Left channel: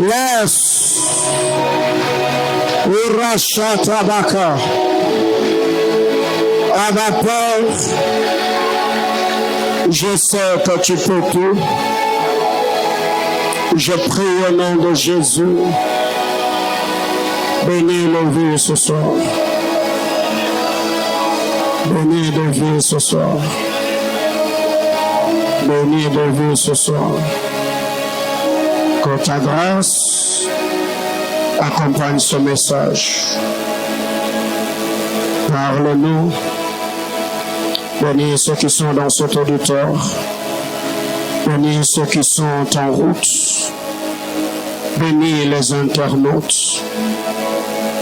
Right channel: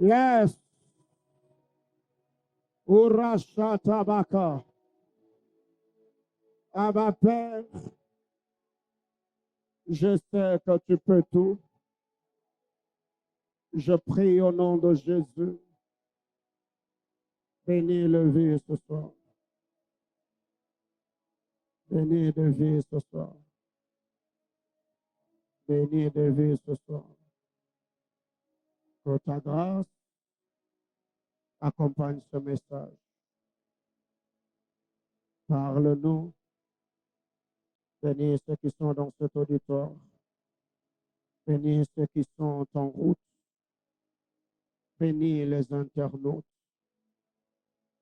Yes. Urashatabaka. À ma peur, je sais que tu peux tout. Je prie au nom de Jésus. Bénis nos vies ce soir. Bénis nos vies ce soir. Bénis nos vies ce soir. Que ta grâce accompagne ce message. Parle-nous. Bénis ceux qui sont dans cet auditoire. Bénis ceux qui sont en route. Bénis les internautes.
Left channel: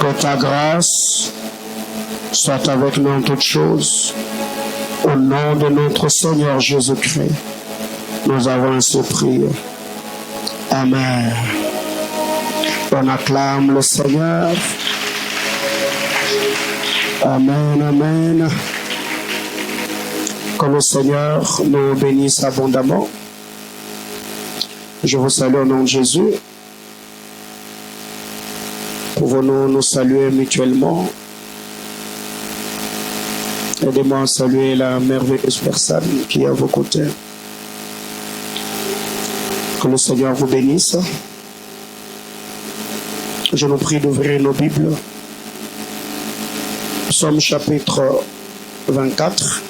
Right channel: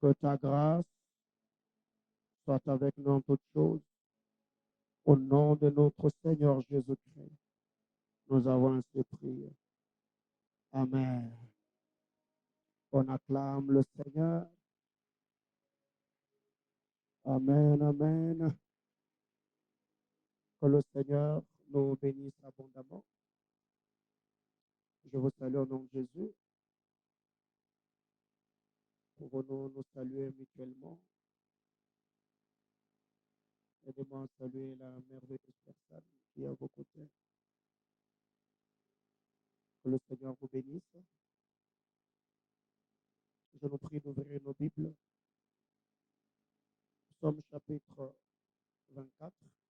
Que ta grâce soit avec nous en toutes choses. Au nom de notre Seigneur Jésus-Christ, nous avons ainsi prié. Amen. On acclame le Seigneur. Amen, amen. Que le Seigneur nous bénisse abondamment. Je vous salue au nom de Jésus. Pouvons-nous nous saluer mutuellement? Aidez-moi à saluer la merveilleuse personne qui est à vos côtés. Que le Seigneur vous bénisse. Je nous prie d'ouvrir nos Bibles. Psaume chapitre 24,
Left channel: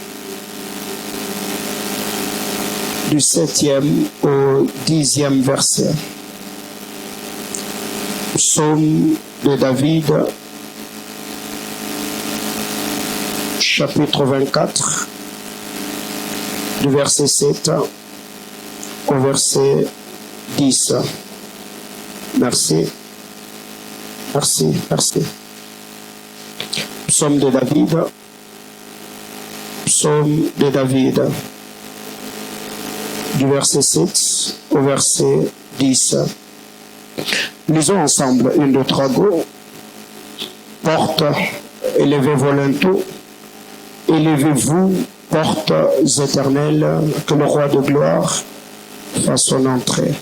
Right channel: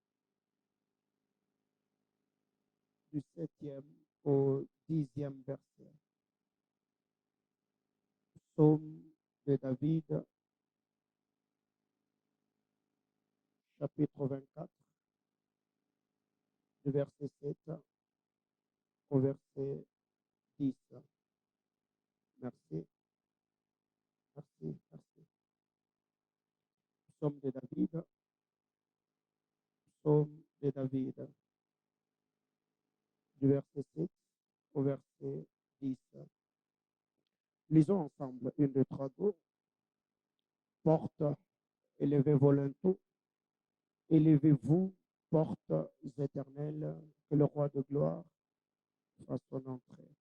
du 7e au 10e verset. Psaume de David, chapitre 24, du verset 7 au verset 10. Merci. Merci, merci. Psaume de David. Psaume de David. Du verset 7 au verset 10. Lisons ensemble 1, 2, 3, go. Portes, élevez-vous l'un-tout. Élevez-vous, portes éternelles, que le roi de gloire fasse son entrée.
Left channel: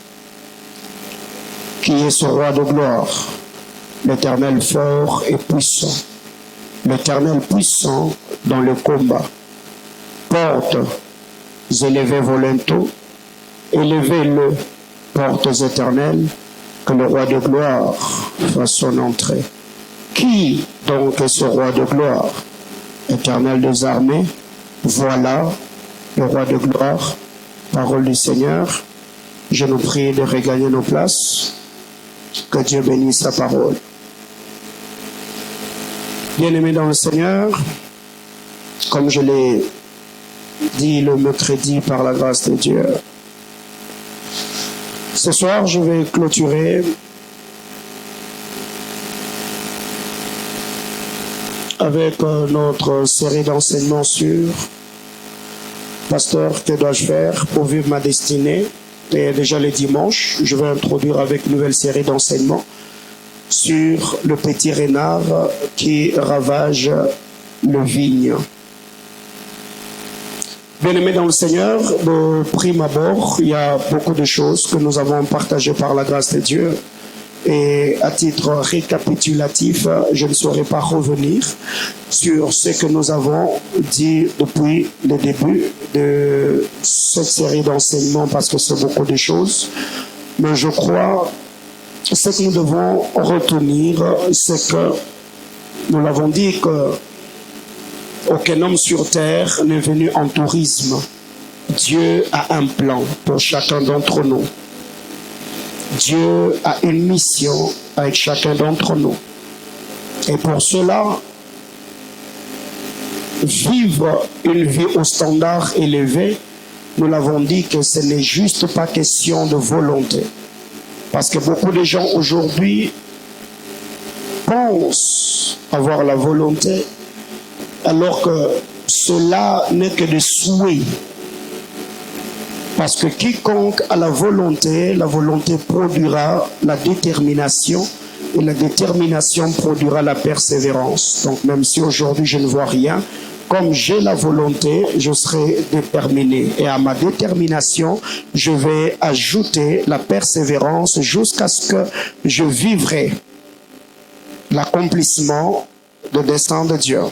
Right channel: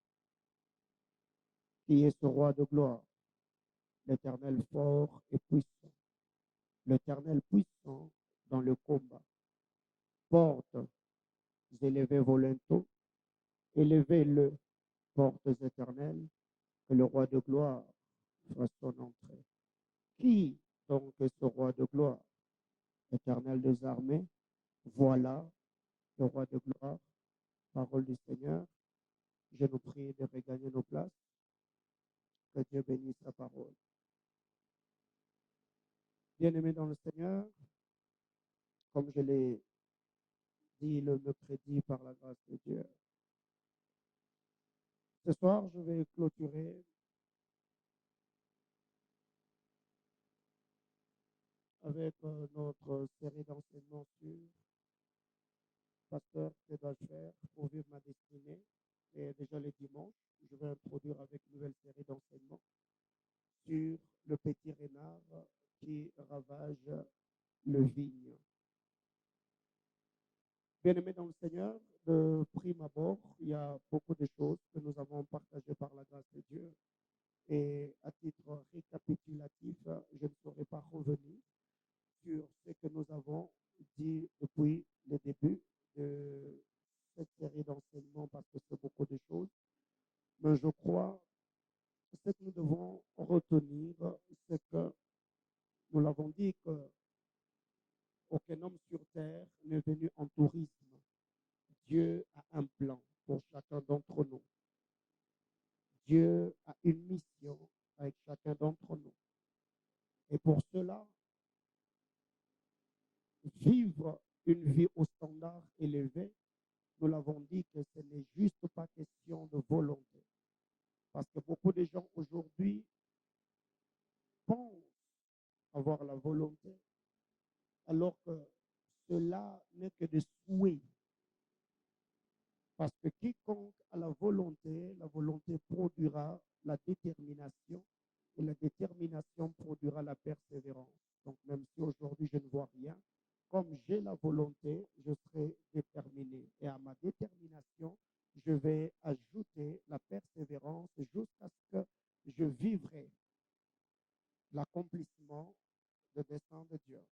Qui est ce roi de gloire? L'Éternel fort et puissant. L'Éternel puissant dans le combat. Portes, élevez-vous l'un-tout. Élevez-le, portes éternelles, que le roi de gloire fasse son entrée. Qui donc est ce roi de gloire? Éternel des armées, voilà le roi de gloire. Parole du Seigneur. Je nous prie de regagner nos places. Que Dieu bénisse sa parole. Bien-aimés dans le Seigneur, comme je l'ai dit le mercredi par la grâce de Dieu, ce soir je vais clôturer avec notre série d'enseignements sur Pasteur, que dois-je faire pour vivre ma destinée? Et déjà le dimanche, je vais introduire avec une nouvelle série d'enseignements sur le petit renard qui ravage le vigne. Bien-aimés dans le Seigneur, de prime abord, il y a beaucoup de choses que nous avons partagées par la grâce de Dieu. Et à titre récapitulatif, je ne saurais pas revenir sur ce que nous avons dit depuis le début de cette série d'enseignements parce que c'est beaucoup de choses. Mais je crois que ce que nous devons retenir, c'est que nous l'avons dit que aucun homme sur terre n'est venu en tourisme. Dieu a un plan pour chacun d'entre nous. Dieu a une mission avec chacun d'entre nous. Et pour cela, vivre une vie au standard élevé, nous l'avons dit que ce n'est juste pas question de volonté. Parce que beaucoup de gens aujourd'hui pensent avoir la volonté, alors que cela n'est que des souhaits. Parce que quiconque a la volonté produira la détermination, et la détermination produira la persévérance. Donc même si aujourd'hui je ne vois rien, comme j'ai la volonté, je serai déterminé. Et à ma détermination, je vais ajouter la persévérance jusqu'à ce que je vivrai l'accomplissement de dessein de Dieu.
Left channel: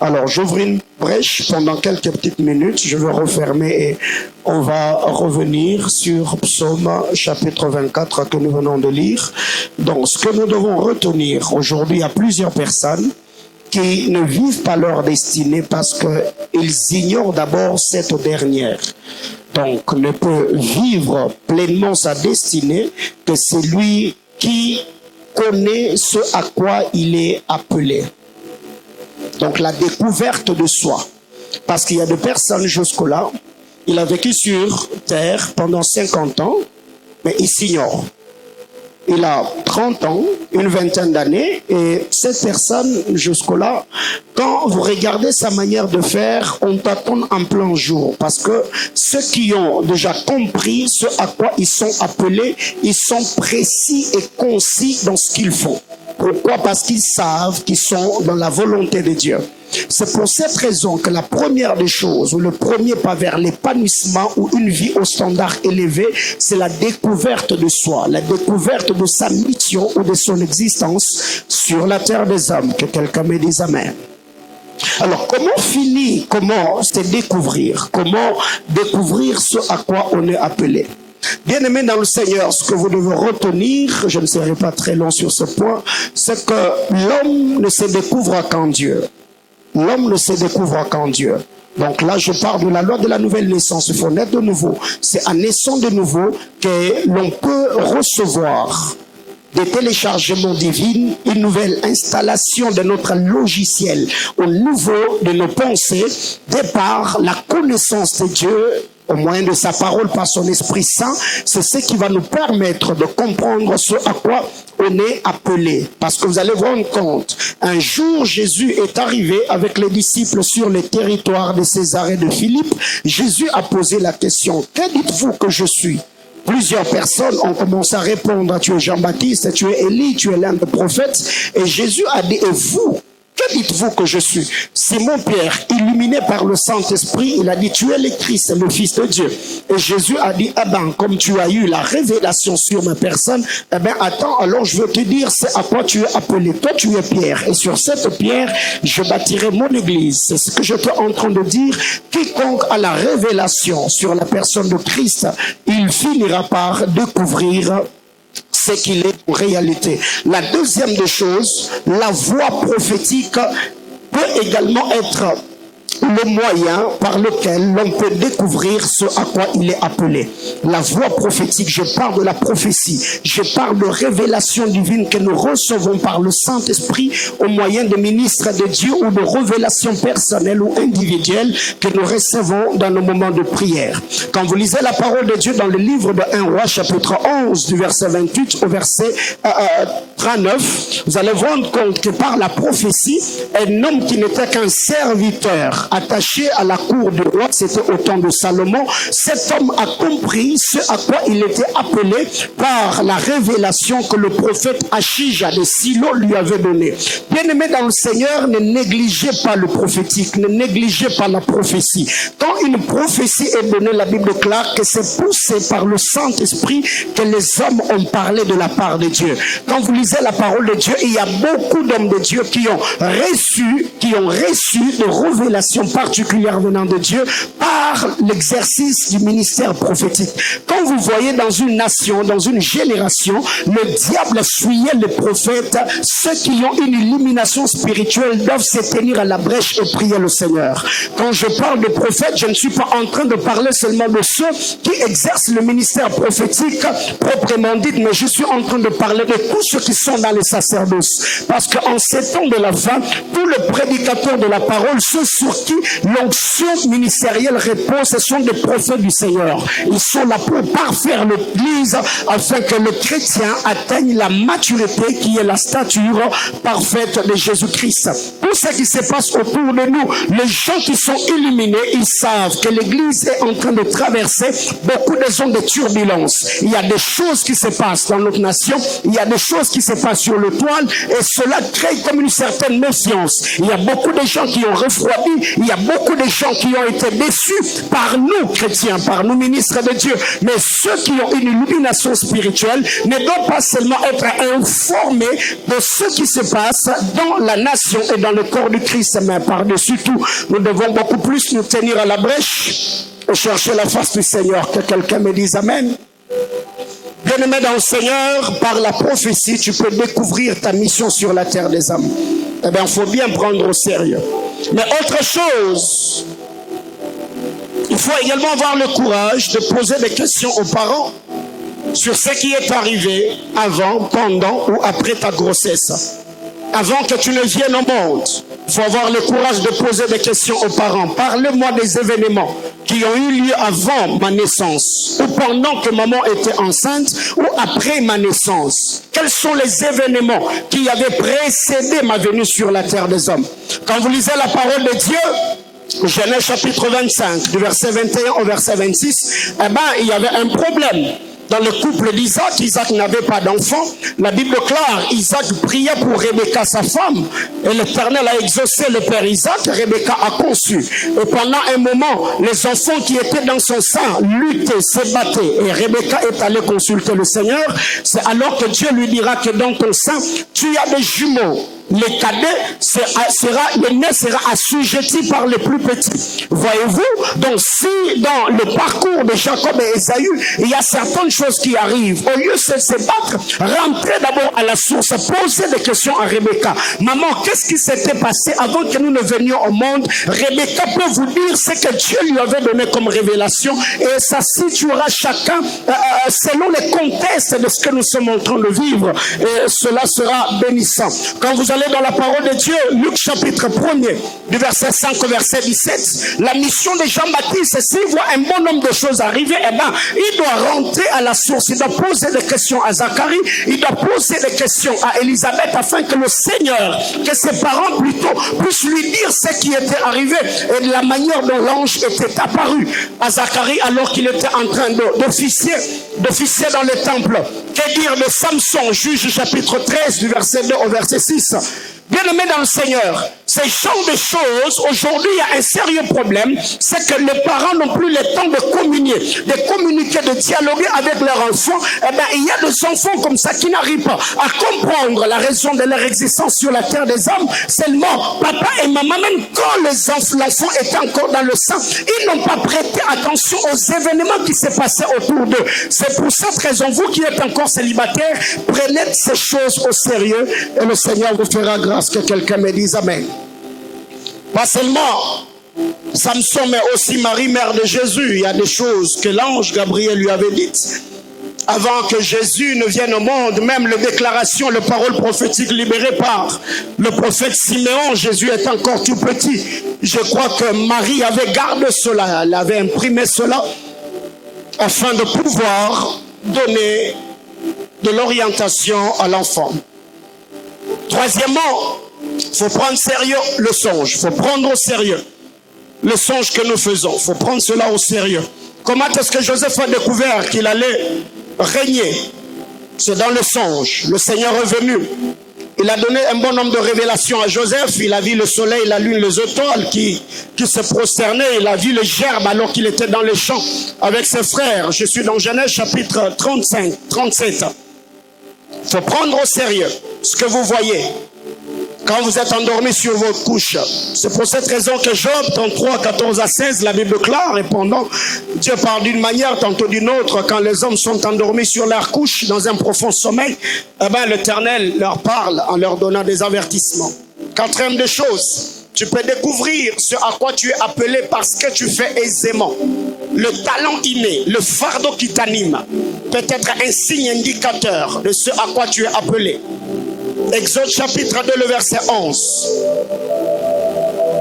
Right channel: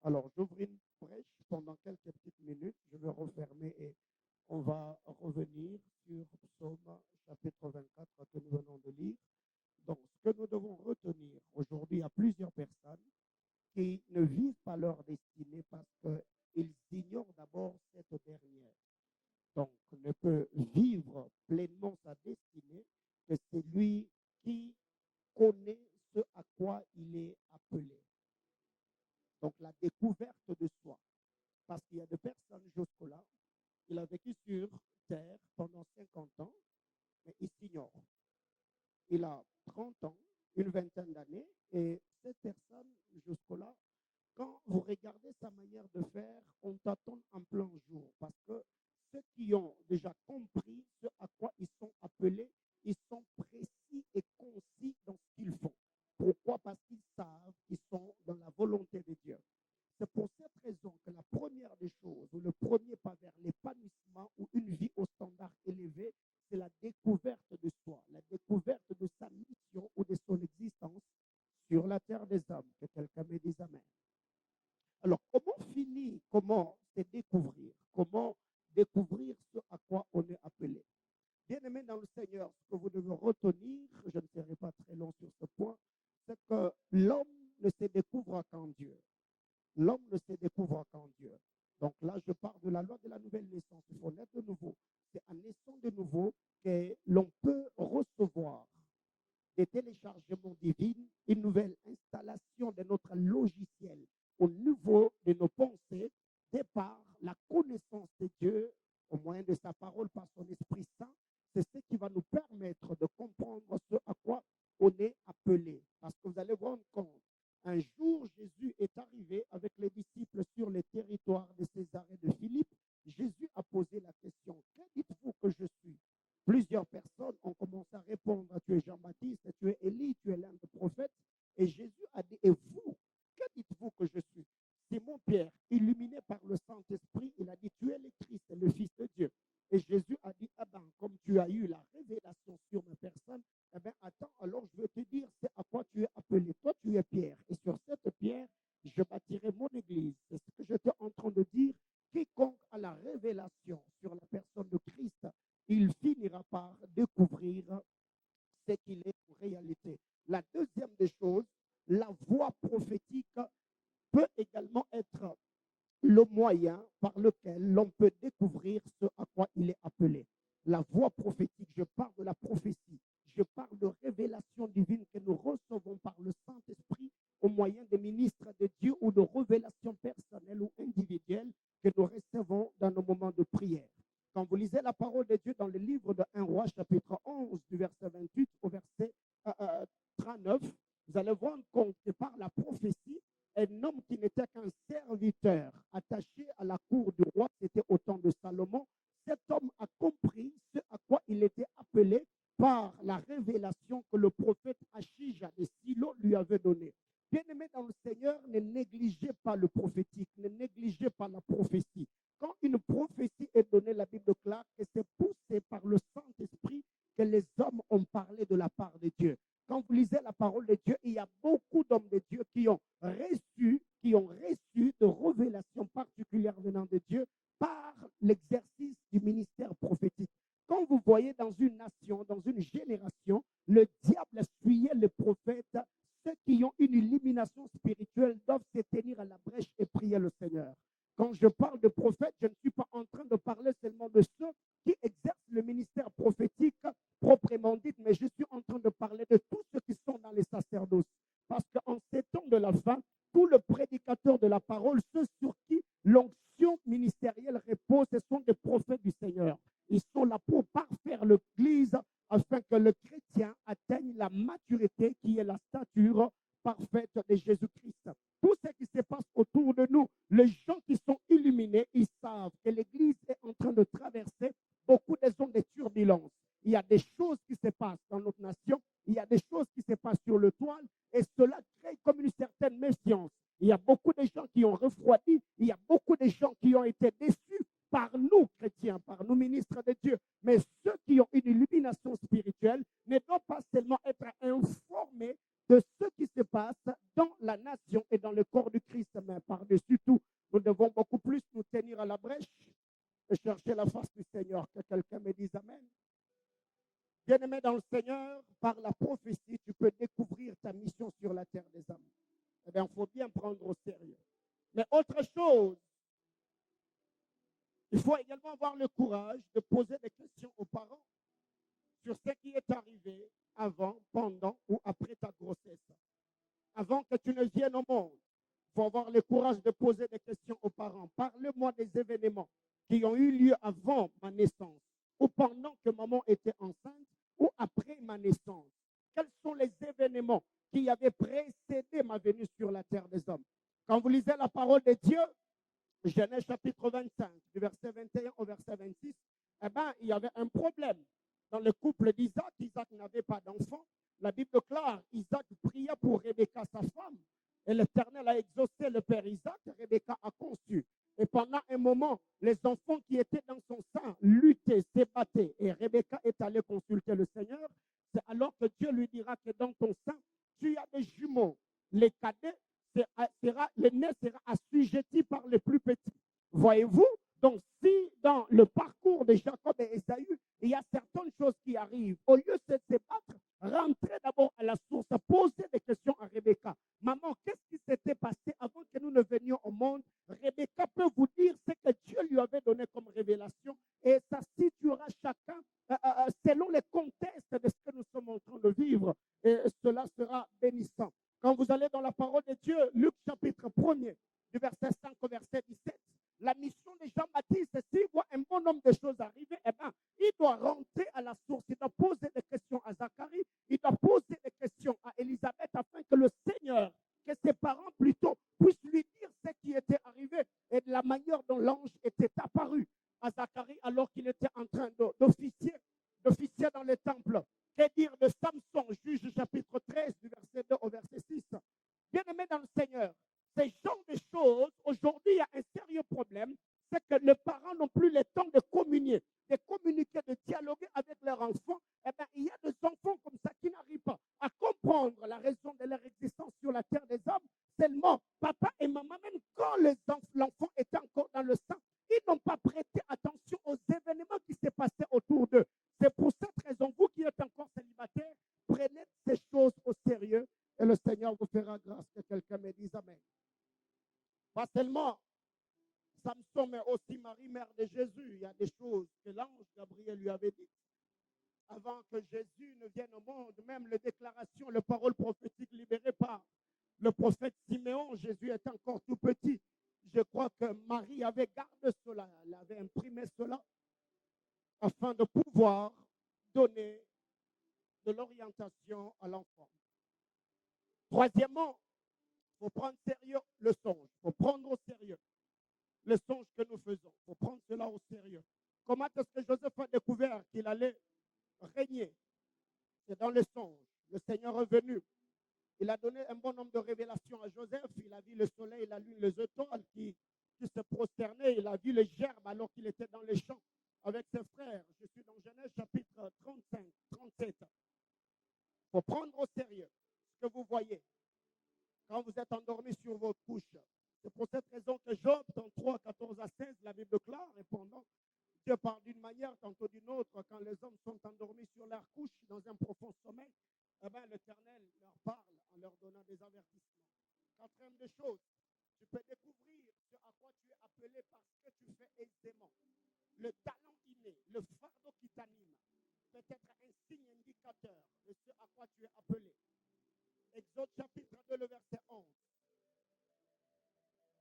Alors, j'ouvre une brèche pendant quelques petites minutes. Je vais refermer et on va revenir sur Psaume chapitre 24 que nous venons de lire. Donc, ce que nous devons retenir aujourd'hui, il y a plusieurs personnes qui ne vivent pas leur destinée parce qu'ils ignorent d'abord cette dernière. Donc, ne peut vivre pleinement sa destinée que celui qui connaît ce à quoi il est appelé. Donc la découverte de soi. Parce qu'il y a des personnes jusque-là, il a vécu sur terre pendant 50 ans, mais il s'ignore. Il a 30 ans, une vingtaine d'années, et cette personne jusque-là, quand vous regardez sa manière de faire, on t'attend en plein jour. Parce que ceux qui ont déjà compris ce à quoi ils sont appelés, ils sont précis et concis dans ce qu'ils font. Pourquoi? Parce qu'ils savent qu'ils sont dans la volonté de Dieu. C'est pour cette raison que la première des choses, ou le premier pas vers l'épanouissement ou une vie au standard élevé, c'est la découverte de soi, la découverte de sa mission ou de son existence sur la terre des hommes. Que quelqu'un me dise Amen. Alors, comment se découvrir? Comment découvrir ce à quoi on est appelé? Bien-aimés dans le Seigneur, ce que vous devez retenir, je ne serai pas très long sur ce point, c'est que l'homme ne se découvre qu'en Dieu. L'homme ne se découvre qu'en Dieu. Donc là, je parle de la loi de la nouvelle naissance. Il faut naître de nouveau. C'est en naissant de nouveau que l'on peut recevoir des téléchargements divins, une nouvelle installation de notre logiciel au niveau de nos pensées, de par la connaissance de Dieu, au moyen de sa parole, par son Esprit Saint. C'est ce qui va nous permettre de comprendre ce à quoi on est appelé. Parce que vous allez vous rendre compte, un jour Jésus est arrivé avec les disciples sur le territoire de Césarée de Philippe. Jésus a posé la question, que dites-vous que je suis? Plusieurs personnes ont commencé à répondre, tu es Jean-Baptiste, tu es Élie, tu es l'un des prophètes. Et Jésus a dit, et vous, que dites-vous que je suis? Simon-Pierre, illuminé par le Saint-Esprit, il a dit, tu es le Christ, le Fils de Dieu. Et Jésus a dit, ah ben, comme tu as eu la révélation sur ma personne, eh ben, attends, alors je veux te dire, c'est à quoi tu es appelé. Toi, tu es Pierre. Et sur cette pierre, je bâtirai mon église. C'est ce que je suis en train de dire. Quiconque a la révélation sur la personne de Christ, il finira par découvrir ce qu'il est en réalité. La deuxième des choses, la voix prophétique peut également être le moyen par lequel l'on peut découvrir ce à quoi il est appelé. La voix prophétique, je parle de la prophétie, je parle de révélation divine que nous recevons par le Saint-Esprit au moyen de ministres de Dieu ou de révélations personnelles ou individuelles que nous recevons dans nos moments de prière. Quand vous lisez la parole de Dieu dans le livre de 1 Roi, chapitre 11, du verset 28 au verset 39, vous allez vous rendre compte que par la prophétie, un homme qui n'était qu'un serviteur attaché à la cour du roi, c'était au temps de Salomon, cet homme a compris ce à quoi il était appelé par la révélation que le prophète Achija de Silo lui avait donnée. Bien-aimés dans le Seigneur, ne négligez pas le prophétique, ne négligez pas la prophétie. Quand une prophétie est donnée, la Bible déclare que c'est poussé par le Saint-Esprit que les hommes ont parlé de la part de Dieu. Quand vous lisez la parole de Dieu, il y a beaucoup d'hommes de Dieu qui ont reçu des révélations particulières venant de Dieu par l'exercice du ministère prophétique. Quand vous voyez dans une nation, dans une génération, le diable fuyait les prophètes, ceux qui ont une illumination spirituelle doivent se tenir à la brèche et prier le Seigneur. Quand je parle de prophètes, je ne suis pas en train de parler seulement de ceux qui exercent le ministère prophétique proprement dit, mais je suis en train de parler de tous ceux qui sont dans les sacerdoces. Parce qu'en ces temps de la fin, tous les prédicateurs de la parole, ceux sur sur qui l'onction ministérielle repose, ce sont des prophètes du Seigneur. Ils sont là pour parfaire l'Église afin que le chrétien atteigne la maturité qui est la stature parfaite de Jésus-Christ. Tout ce qui se passe autour de nous, les gens qui sont illuminés, ils savent que l'Église est en train de traverser beaucoup de zones de turbulence. Il y a des choses qui se passent dans notre nation, il y a des choses qui se passent sur le toile et cela crée comme une certaine méfiance. Il y a beaucoup de gens qui ont refroidi, il y a beaucoup de gens qui ont été déçus par nous chrétiens, par nous ministres de Dieu. Mais ceux qui ont une illumination spirituelle ne doivent pas seulement être informés de ce qui se passe dans la nation et dans le corps du Christ, mais par-dessus tout, nous devons beaucoup plus nous tenir à la brèche et chercher la face du Seigneur. Que quelqu'un me dise Amen. Bien-aimé dans le Seigneur, par la prophétie, tu peux découvrir ta mission sur la terre des hommes. Eh bien, il faut bien prendre au sérieux. Mais autre chose, il faut également avoir le courage de poser des questions aux parents sur ce qui est arrivé avant, pendant ou après ta grossesse. Avant que tu ne viennes au monde, il faut avoir le courage de poser des questions aux parents. Parlez-moi des événements qui ont eu lieu avant ma naissance, ou pendant que maman était enceinte, ou après ma naissance. Quels sont les événements qui avaient précédé ma venue sur la terre des hommes? Quand vous lisez la parole de Dieu, Genèse chapitre 25, du verset 21 au verset 26, eh ben, il y avait un problème. Dans le couple d'Isaac, Isaac n'avait pas d'enfant. La Bible déclare, Isaac priait pour Rebecca, sa femme. Et l'Éternel a exaucé le père Isaac. Rebecca a conçu. Et pendant un moment, les enfants qui étaient dans son sein luttaient, se battaient. Et Rebecca est allée consulter le Seigneur. C'est alors que Dieu lui dira que dans ton sein, tu as des jumeaux. Les cadets l'aîné sera assujetti par les plus petits. Voyez-vous? Donc si dans le parcours de Jacob et Ésaü, il y a certaines choses qui arrivent, au lieu de se battre, rentrez d'abord à la source, posez des questions à Rebecca. Maman, qu'est-ce qui s'était passé avant que nous ne venions au monde? Rebecca peut vous dire ce que Dieu lui avait donné comme révélation et ça situera chacun selon les contextes de ce que nous sommes en train de vivre. Et cela sera bénissant. Quand vous allez dans la parole de Dieu, Luc chapitre 1er, du verset 5 au verset 17, la mission de Jean-Baptiste, s'il voit un bon nombre de choses arriver, eh ben, il doit rentrer à la source, il doit poser des questions à Zacharie, il doit poser des questions à Élisabeth afin que le Seigneur, que ses parents plutôt, puissent lui dire ce qui était arrivé et de la manière dont l'ange était apparu à Zacharie alors qu'il était en train d'officier dans le temple. Que dire de Samson, Juge chapitre 13 du verset 2 au verset 6. Bien-aimés dans le Seigneur, ces genres de choses, aujourd'hui, il y a un sérieux problème, c'est que les parents n'ont plus le temps de communier, de communiquer, de dialoguer avec leurs enfants. Eh bien, il y a des enfants comme ça qui n'arrivent pas à comprendre la raison de leur existence sur la terre des hommes. Seulement, papa et maman, même quand l'enfant était encore dans le sein, ils n'ont pas prêté attention aux événements qui se passaient autour d'eux. C'est pour cette raison, vous qui êtes encore célibataire, prenez ces choses au sérieux et le Seigneur vous fera grâce. Que quelqu'un me dise Amen. Pas seulement Samson, mais aussi Marie, mère de Jésus. Il y a des choses que l'ange Gabriel lui avait dites. Avant que Jésus ne vienne au monde, même les déclarations, les paroles prophétiques libérées par le prophète Siméon, Jésus est encore tout petit. Je crois que Marie avait gardé cela, elle avait imprimé cela, afin de pouvoir donner de l'orientation à l'enfant. Troisièmement, il faut prendre sérieux le songe. Il faut prendre au sérieux le songe que nous faisons. Il faut prendre cela au sérieux. Comment est-ce que Joseph a découvert qu'il allait régner? C'est dans le songe. Le Seigneur est venu. Il a donné un bon nombre de révélations à Joseph. Il a vu le soleil, la lune, les étoiles qui se prosternaient. Il a vu les gerbes alors qu'il était dans les champs avec ses frères. Je suis dans Genèse chapitre 37. Il faut prendre au sérieux ce que vous voyez quand vous êtes endormi sur votre couche. C'est pour cette raison que Job 33, 14 à 16, la Bible clare, répondant, Dieu parle d'une manière, tantôt d'une autre. Quand les hommes sont endormis sur leur couche dans un profond sommeil, eh ben, l'Éternel leur parle en leur donnant des avertissements. Quatrième des choses, tu peux découvrir ce à quoi tu es appelé parce que tu fais aisément. Le talent inné, le fardeau qui t'anime, peut être un signe indicateur de ce à quoi tu es appelé. Exode chapitre 2, le verset 11.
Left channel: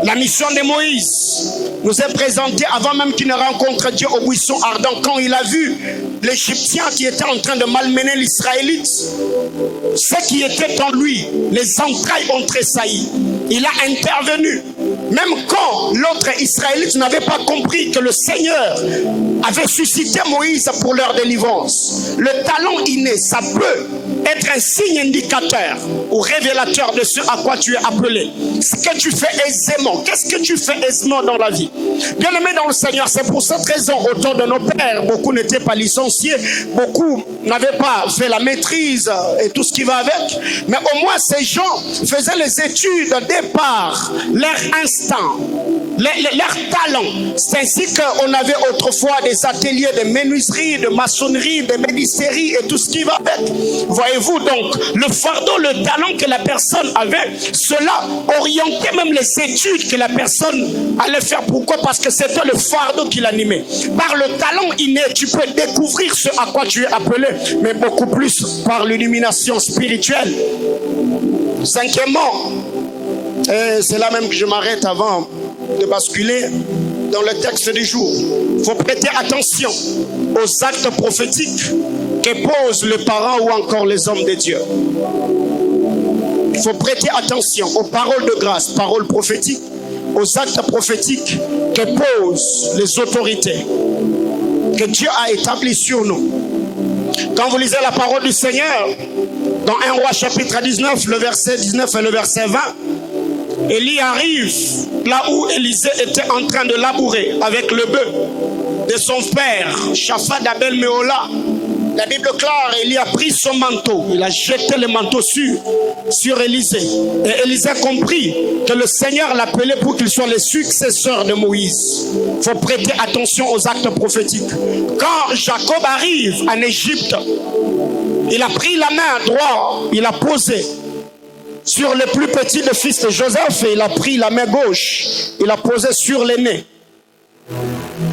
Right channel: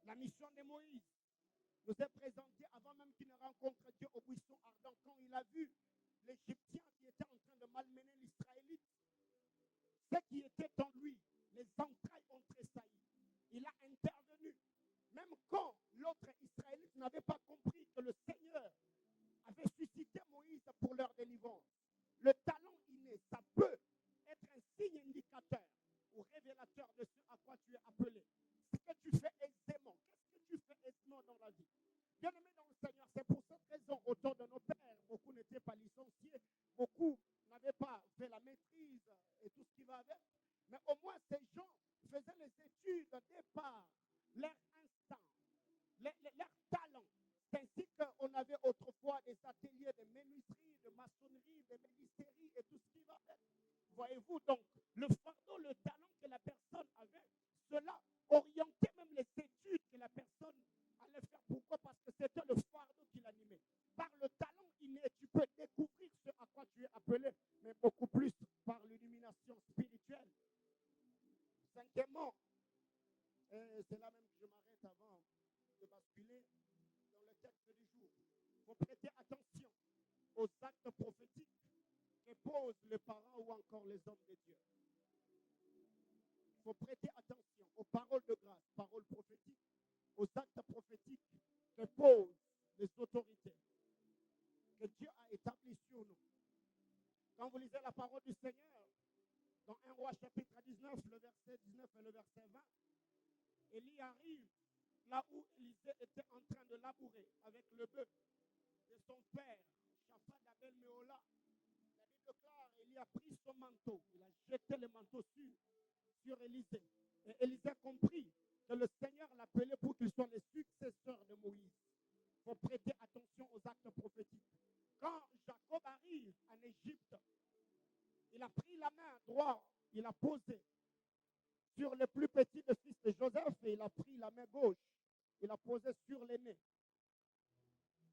La mission de Moïse nous est présentée avant même qu'il ne rencontre Dieu au buisson ardent. Quand il a vu l'Égyptien qui était en train de malmener l'Israélite, ce qui était en lui, les entrailles ont tressailli. Il a intervenu. Même quand l'autre Israélite n'avait pas compris que le Seigneur avait suscité Moïse pour leur délivrance. Le talent inné, ça peut être un signe indicateur ou révélateur de ce à quoi tu es appelé. Ce que tu fais aisément. Qu'est-ce que tu fais aisément dans la vie? Bien-aimés dans le Seigneur, c'est pour cette raison, autour de nos pères, beaucoup n'étaient pas licenciés, beaucoup n'avaient pas fait la maîtrise et tout ce qui va avec. Mais au moins, ces gens faisaient les études dès par leur instinct, leur talent. C'est ainsi qu'on avait autrefois des ateliers de menuiserie, de maçonnerie, de médisterie et tout ce qui va avec. Voyez-vous donc, le fardeau, le talent que la personne avait, cela orientait même les études que la personne allait faire. Pourquoi? Parce que c'était le fardeau qui l'animait. Par le talent inné, tu peux découvrir ce à quoi tu es appelé, mais beaucoup plus par l'illumination spirituelle. Cinquièmement, et c'est là même que je m'arrête avant de basculer dans le texte du jour. Il faut prêter attention aux actes prophétiques que posent les parents ou encore les hommes de Dieu. Il faut prêter attention aux paroles de grâce, paroles prophétiques, aux actes prophétiques que posent les autorités que Dieu a établis sur nous. Quand vous lisez la parole du Seigneur, dans 1 Roi chapitre 19, le verset 19 et le verset 20, Élie arrive là où Élisée était en train de labourer avec le bœuf de son père, Shaphat d'Abel Méhola. La Bible déclare, Élie a pris son manteau, il a jeté le manteau sur Élisée. Et Élisée a compris que le Seigneur l'appelait pour qu'il soit le successeur de Moïse. Il faut prêter attention aux actes prophétiques. Quand Jacob arrive en Égypte, il a pris la main droite, il a posé sur le plus petit des fils de Joseph et il a pris la main gauche, il a posé sur l'aîné.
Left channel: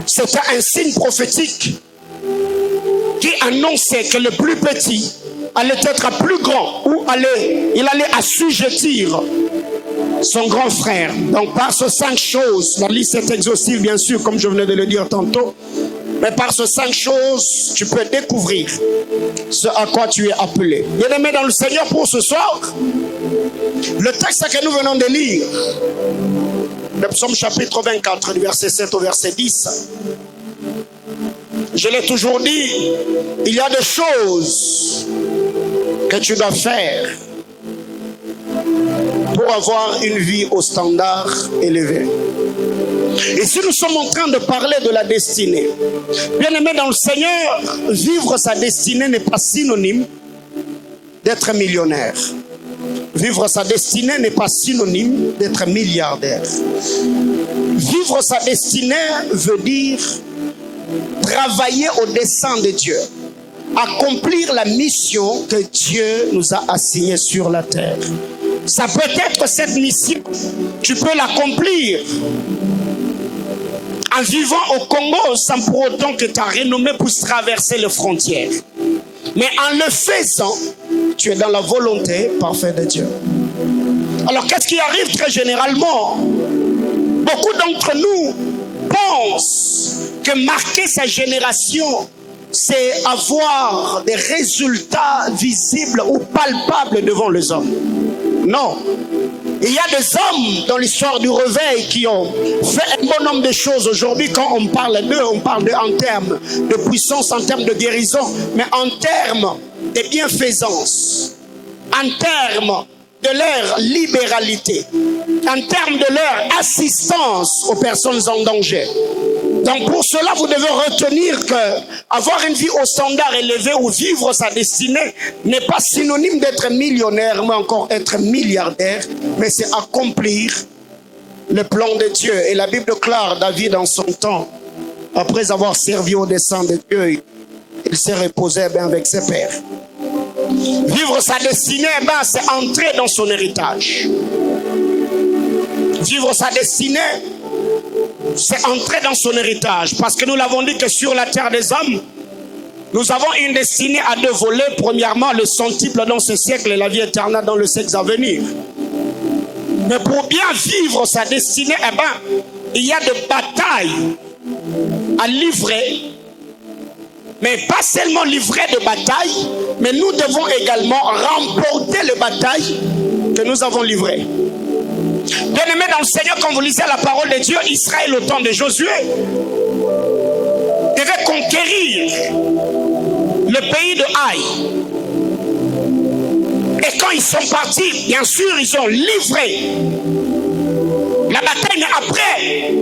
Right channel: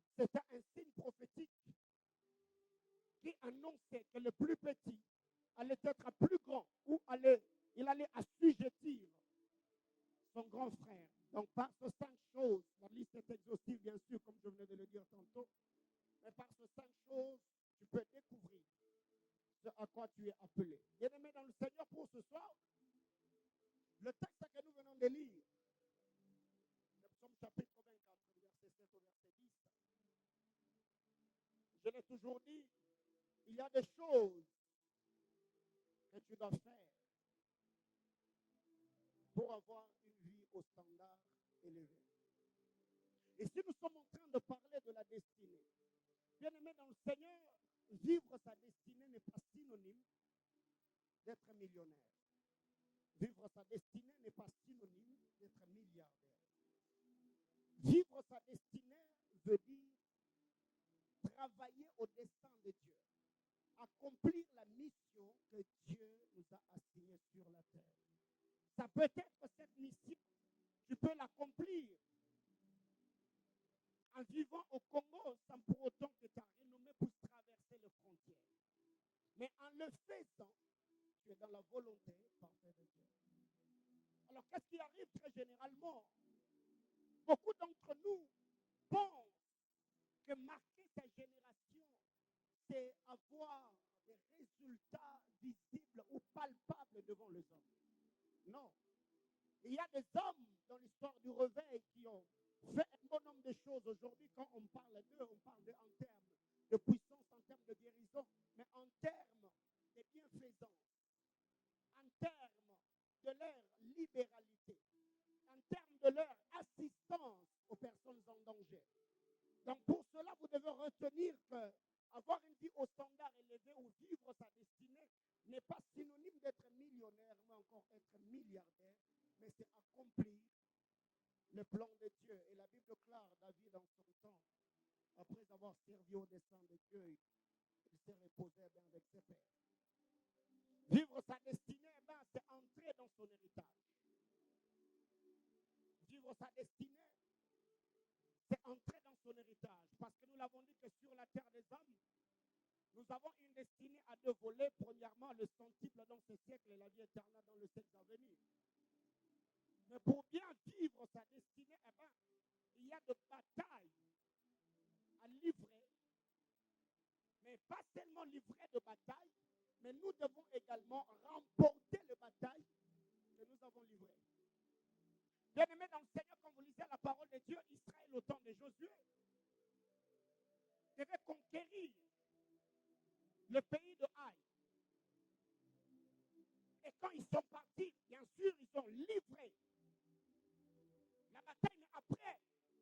C'était un signe prophétique qui annonçait que le plus petit allait être plus grand ou il allait assujettir son grand frère. Donc par ces 5 choses, la liste est exhaustive bien sûr comme je venais de le dire tantôt, mais par ces 5 choses, tu peux découvrir ce à quoi tu es appelé. Bien-aimé dans le Seigneur, pour ce soir, le texte que nous venons de lire, le psaume chapitre 24, du verset 7 au verset 10, je l'ai toujours dit, il y a des choses que tu dois faire pour avoir une vie au standard élevé. Et si nous sommes en train de parler de la destinée, bien aimé dans le Seigneur, vivre sa destinée n'est pas synonyme d'être millionnaire. Vivre sa destinée n'est pas synonyme d'être milliardaire. Vivre sa destinée veut dire travailler au dessein de Dieu, accomplir la mission que Dieu nous a assignée sur la terre. Ça peut être cette mission, tu peux l'accomplir en vivant au Congo sans pour autant que ta renommée puisse traverser les frontières. Mais en le faisant, tu es dans la volonté parfaite de Dieu. Alors qu'est-ce qui arrive très généralement? Beaucoup d'entre nous pensent que marquer sa génération, c'est avoir des résultats visibles ou palpables devant les hommes. Non. Il y a des hommes dans l'histoire du réveil qui ont fait un bon nombre de choses. Aujourd'hui, quand on parle d'eux, on parle d'eux en termes de puissance, en termes de guérison, mais en termes de bienfaisance, en termes de leur libéralité, en termes de leur assistance aux personnes en danger. Donc pour cela, vous devez retenir que avoir une vie au standard élevé ou vivre sa destinée n'est pas synonyme d'être millionnaire, mais encore être milliardaire, mais c'est accomplir le plan de Dieu. Et la Bible déclare David en son temps, après avoir servi au dessein de Dieu, il s'est reposé bien avec ses pères. Vivre sa destinée, c'est entrer dans son héritage. Vivre sa destinée, c'est entrer dans son héritage. Parce que nous l'avons dit que sur la terre des hommes, nous avons une destinée à 2 volets. Premièrement, le centuple dans ce siècle et la vie éternelle dans le siècle à venir. Mais pour bien vivre sa destinée, eh ben, il y a des batailles à livrer. Mais pas seulement livrer de batailles, mais nous devons également remporter les batailles que nous avons livrées. Bien-aimés dans le Seigneur, quand vous lisez la parole de Dieu, Israël au temps de Josué devait conquérir le pays de Haï. Et quand ils sont partis, bien sûr, ils ont livré la bataille, mais après,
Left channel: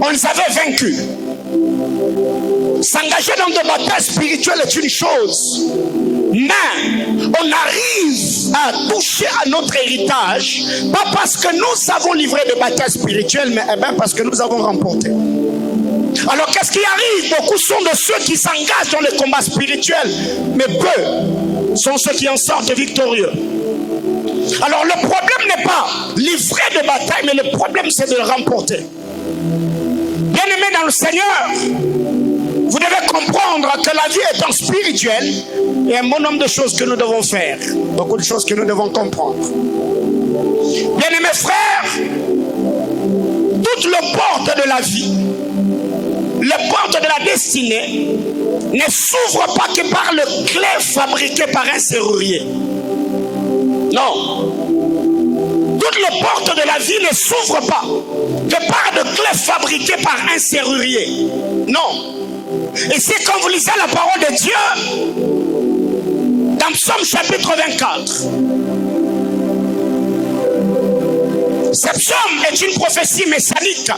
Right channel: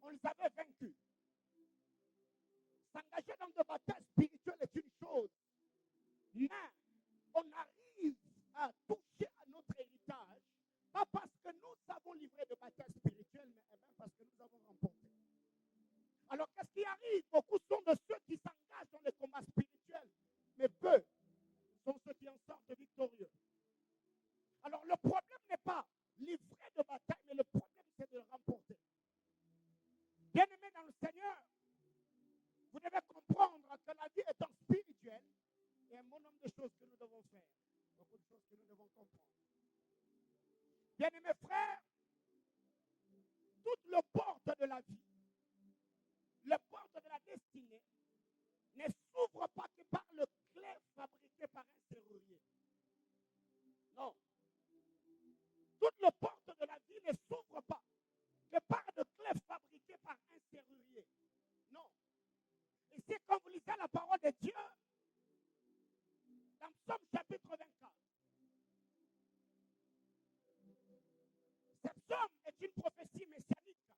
on les avait vaincus. S'engager dans des batailles spirituelles est une chose, mais on arrive à toucher à notre héritage, pas parce que nous avons livré des batailles spirituelles, mais bien parce que nous avons remporté. Alors qu'est-ce qui arrive? Beaucoup sont de ceux qui s'engagent dans les combats spirituels, mais peu sont ceux qui en sortent victorieux. Alors le problème n'est pas livrer de bataille, mais le problème c'est de le remporter. Bien-aimés dans le Seigneur, vous devez comprendre que la vie étant spirituelle, il y a un bon nombre de choses que nous devons faire. Beaucoup de choses que nous devons comprendre. Bien-aimés frères, toutes les portes de la vie, les portes de la destinée, ne s'ouvrent pas que par le clé fabriqué par un serrurier. Non. Toutes les portes de la vie ne s'ouvrent pas que par de clés fabriquées par un serrurier. Non. Et c'est quand vous lisez la parole de Dieu dans Psaume chapitre 24. Ce psaume est une prophétie messianique.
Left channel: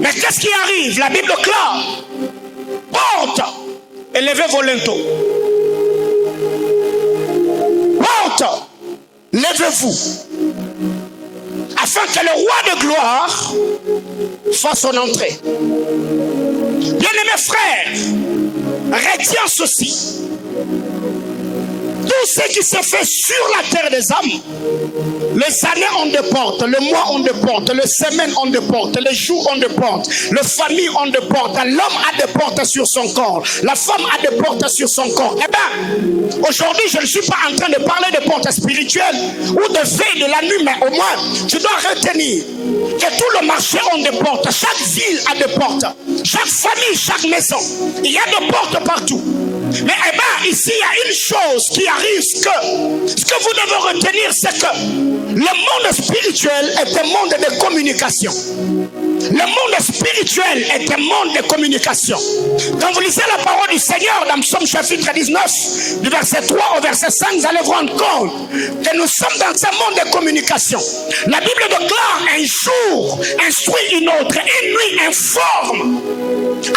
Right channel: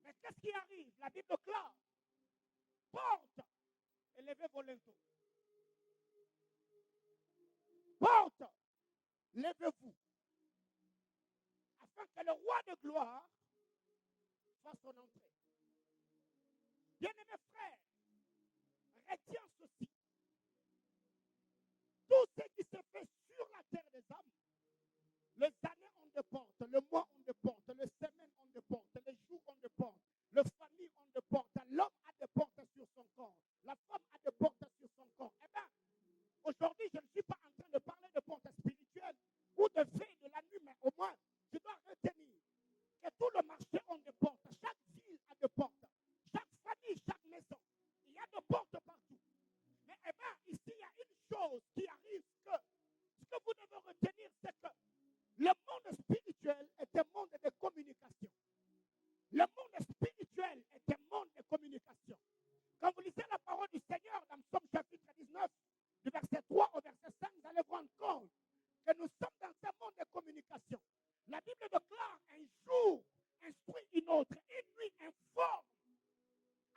Mais qu'est-ce qui arrive? La Bible clare. Porte, élevez vos linteaux. Porte, levez-vous. Afin que le roi de gloire fasse son entrée. Bien-aimés frères, retiens ceci. Tout ce qui se fait sur la terre des hommes, les années ont des portes, le mois ont des portes, les semaines ont des portes, les jours ont des portes, les familles ont des portes, l'homme a des portes sur son corps, la femme a des portes sur son corps. Eh bien, aujourd'hui, je ne suis pas en train de parler de portes spirituelles ou de veille de la nuit, mais au moins, tu dois retenir que tout le marché a des portes, chaque ville a des portes, chaque famille, chaque maison, il y a des portes partout. Mais eh bien, ici, il y a une chose qui arrive, ce que vous devez retenir, c'est que le monde spirituel est un monde de communication. Le monde spirituel est un monde de communication. Quand vous lisez la parole du Seigneur dans Psaume chapitre 19, du verset 3 au verset 5, vous allez vous rendre compte que nous sommes dans un monde de communication. La Bible déclare: un jour instruit une autre, une nuit informe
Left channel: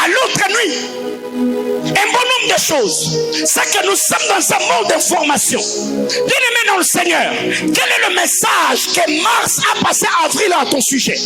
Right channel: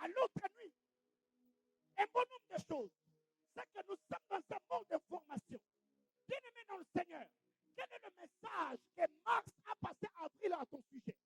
à l'autre nuit. Un bon nombre de choses, c'est que nous sommes dans un monde d'information. Bien-aimé dans le Seigneur, quel est le message que Mars a passé à avril à ton sujet?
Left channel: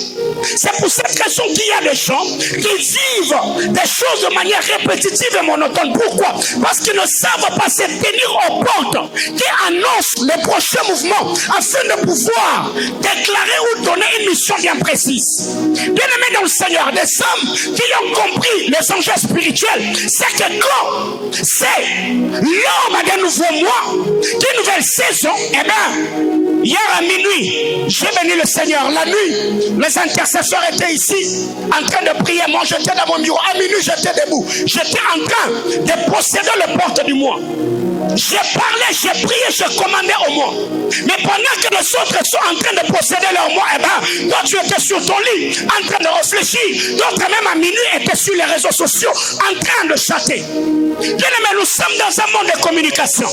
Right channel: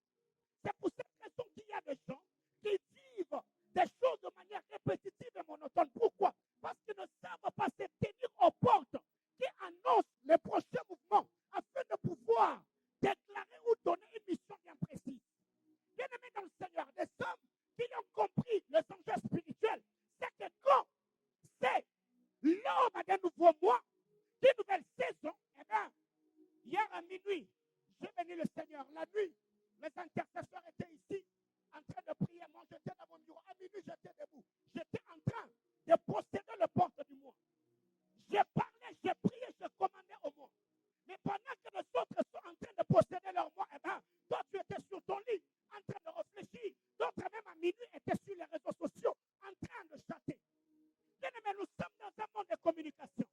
C'est pour cette raison qu'il y a des gens qui vivent des choses de manière répétitive et monotone. Pourquoi? Parce qu'ils ne savent pas se tenir aux portes qui annoncent les prochains mouvements afin de pouvoir déclarer ou donner une mission bien précise. Bien-aimé dans le Seigneur, des hommes qui ont compris les enjeux spirituels, c'est que quand c'est l'homme a de nouveaux mois, de nouvelles saisons, eh bien, hier à minuit, j'ai béni le Seigneur. La nuit, les intercesseurs étaient ici en train de prier. Moi, j'étais dans mon bureau. À minuit, j'étais debout. J'étais en train de posséder les portes du mois. J'ai parlé, j'ai prié, j'ai commandé au mois. Mais pendant que les autres sont en train de posséder leur mois, eh bien, toi tu étais sur ton lit, en train de réfléchir. D'autres même à minuit étaient sur les réseaux sociaux, en train de chatter. Bien-aimés, nous sommes dans un monde de communication.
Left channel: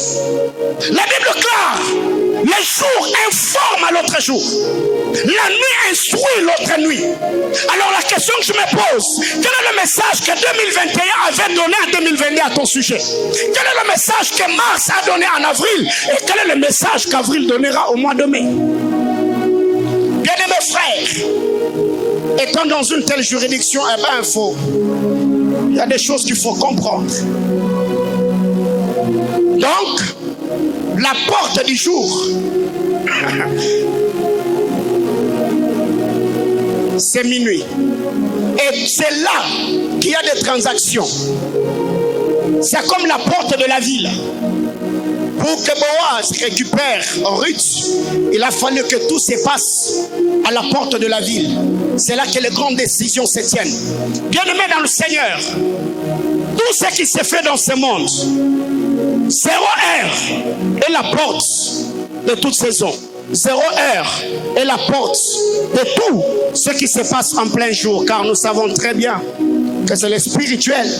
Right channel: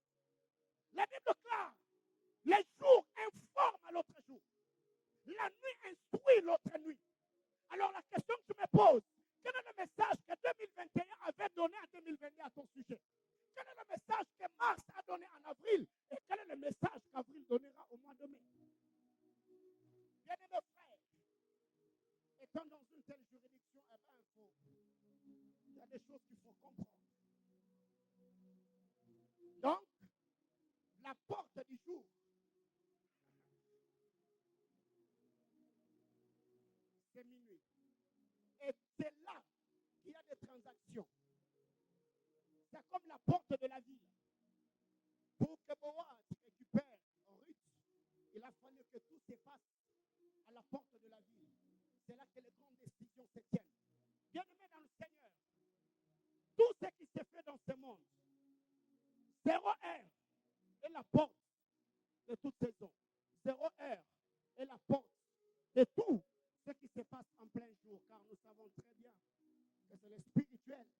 La Bible clare, les jours informent à l'autre jour. La nuit instruit l'autre nuit. Alors la question que je me pose, quel est le message que 2021 avait donné en 2022 à ton sujet? Quel est le message que Mars a donné en avril? Et quel est le message qu'avril donnera au mois de mai? Bien-aimés frères, étant dans une telle juridiction, eh bien, il y a des choses qu'il faut comprendre. Donc, la porte du jour, c'est minuit. Et c'est là qu'il y a des transactions. C'est comme la porte de la ville. Pour que Boaz récupère Ruth, il a fallu que tout se passe à la porte de la ville. C'est là que les grandes décisions se tiennent. Bien-aimés dans le Seigneur, tout ce qui se fait dans ce monde, 0 heure est la porte de toute saison. 0 heure est la porte de tout ce qui se passe en plein jour, car nous savons très bien que c'est le spirituel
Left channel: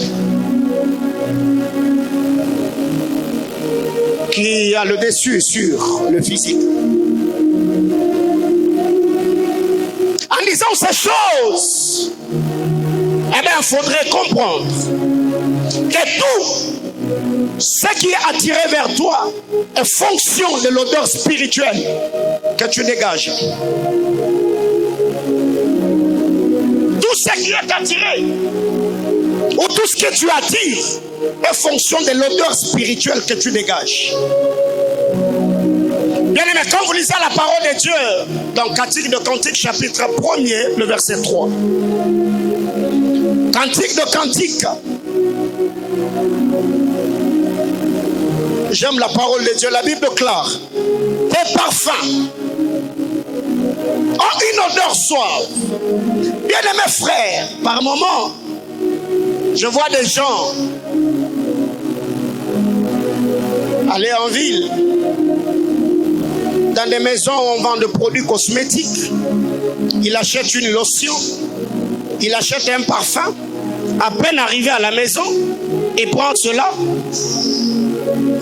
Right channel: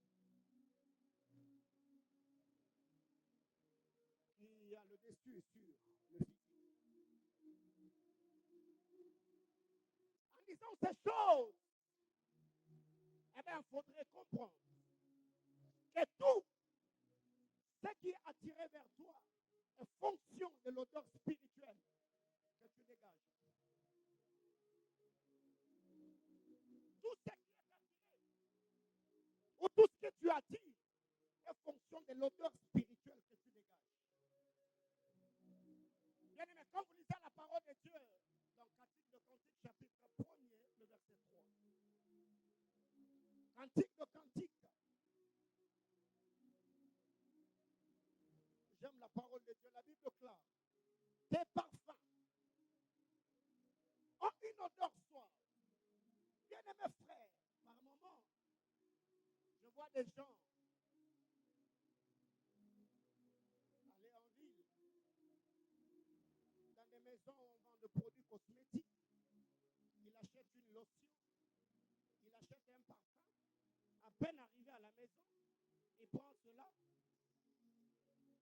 qui a le dessus sur le physique. En disant ces choses, eh bien, il faudrait comprendre que tout ce qui est attiré vers toi est fonction de l'odeur spirituelle que tu dégages. Tout ce qui est attiré ou tout ce que tu attires est fonction de l'odeur spirituelle que tu dégages. Bien aimé, quand vous lisez la parole de Dieu dans Cantique de Cantique chapitre 1er, le verset 3. Cantique de Cantique. J'aime la parole de Dieu, la Bible déclare: tes parfums ont une odeur suave. Bien aimé frère, par moments, je vois des gens aller en ville, dans des maisons où on vend des produits cosmétiques. Il achète une lotion, il achète un parfum. À peine arrivé à la maison, il prend cela.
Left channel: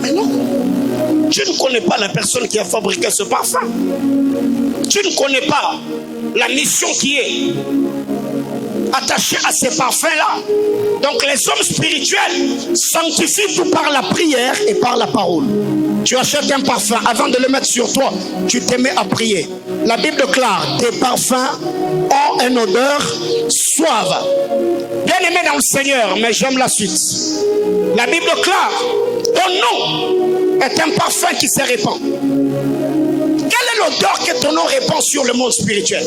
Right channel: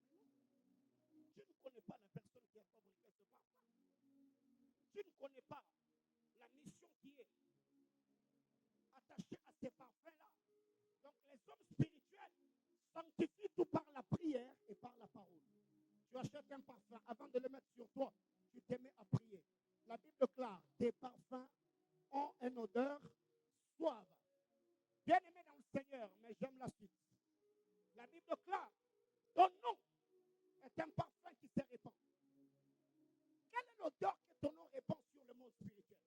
Mais non, tu ne connais pas la personne qui a fabriqué ce parfum. Tu ne connais pas la mission qui est attachée à ces parfums-là. Donc les hommes spirituels sanctifient tout par la prière et par la parole. Tu achètes un parfum, avant de le mettre sur toi, tu te mets à prier. La Bible déclare: tes parfums ont une odeur suave. Bien aimé dans le Seigneur, mais j'aime la suite. La Bible déclare: ton nom est un parfum qui se répand. Quelle est l'odeur que ton nom répand sur le monde spirituel?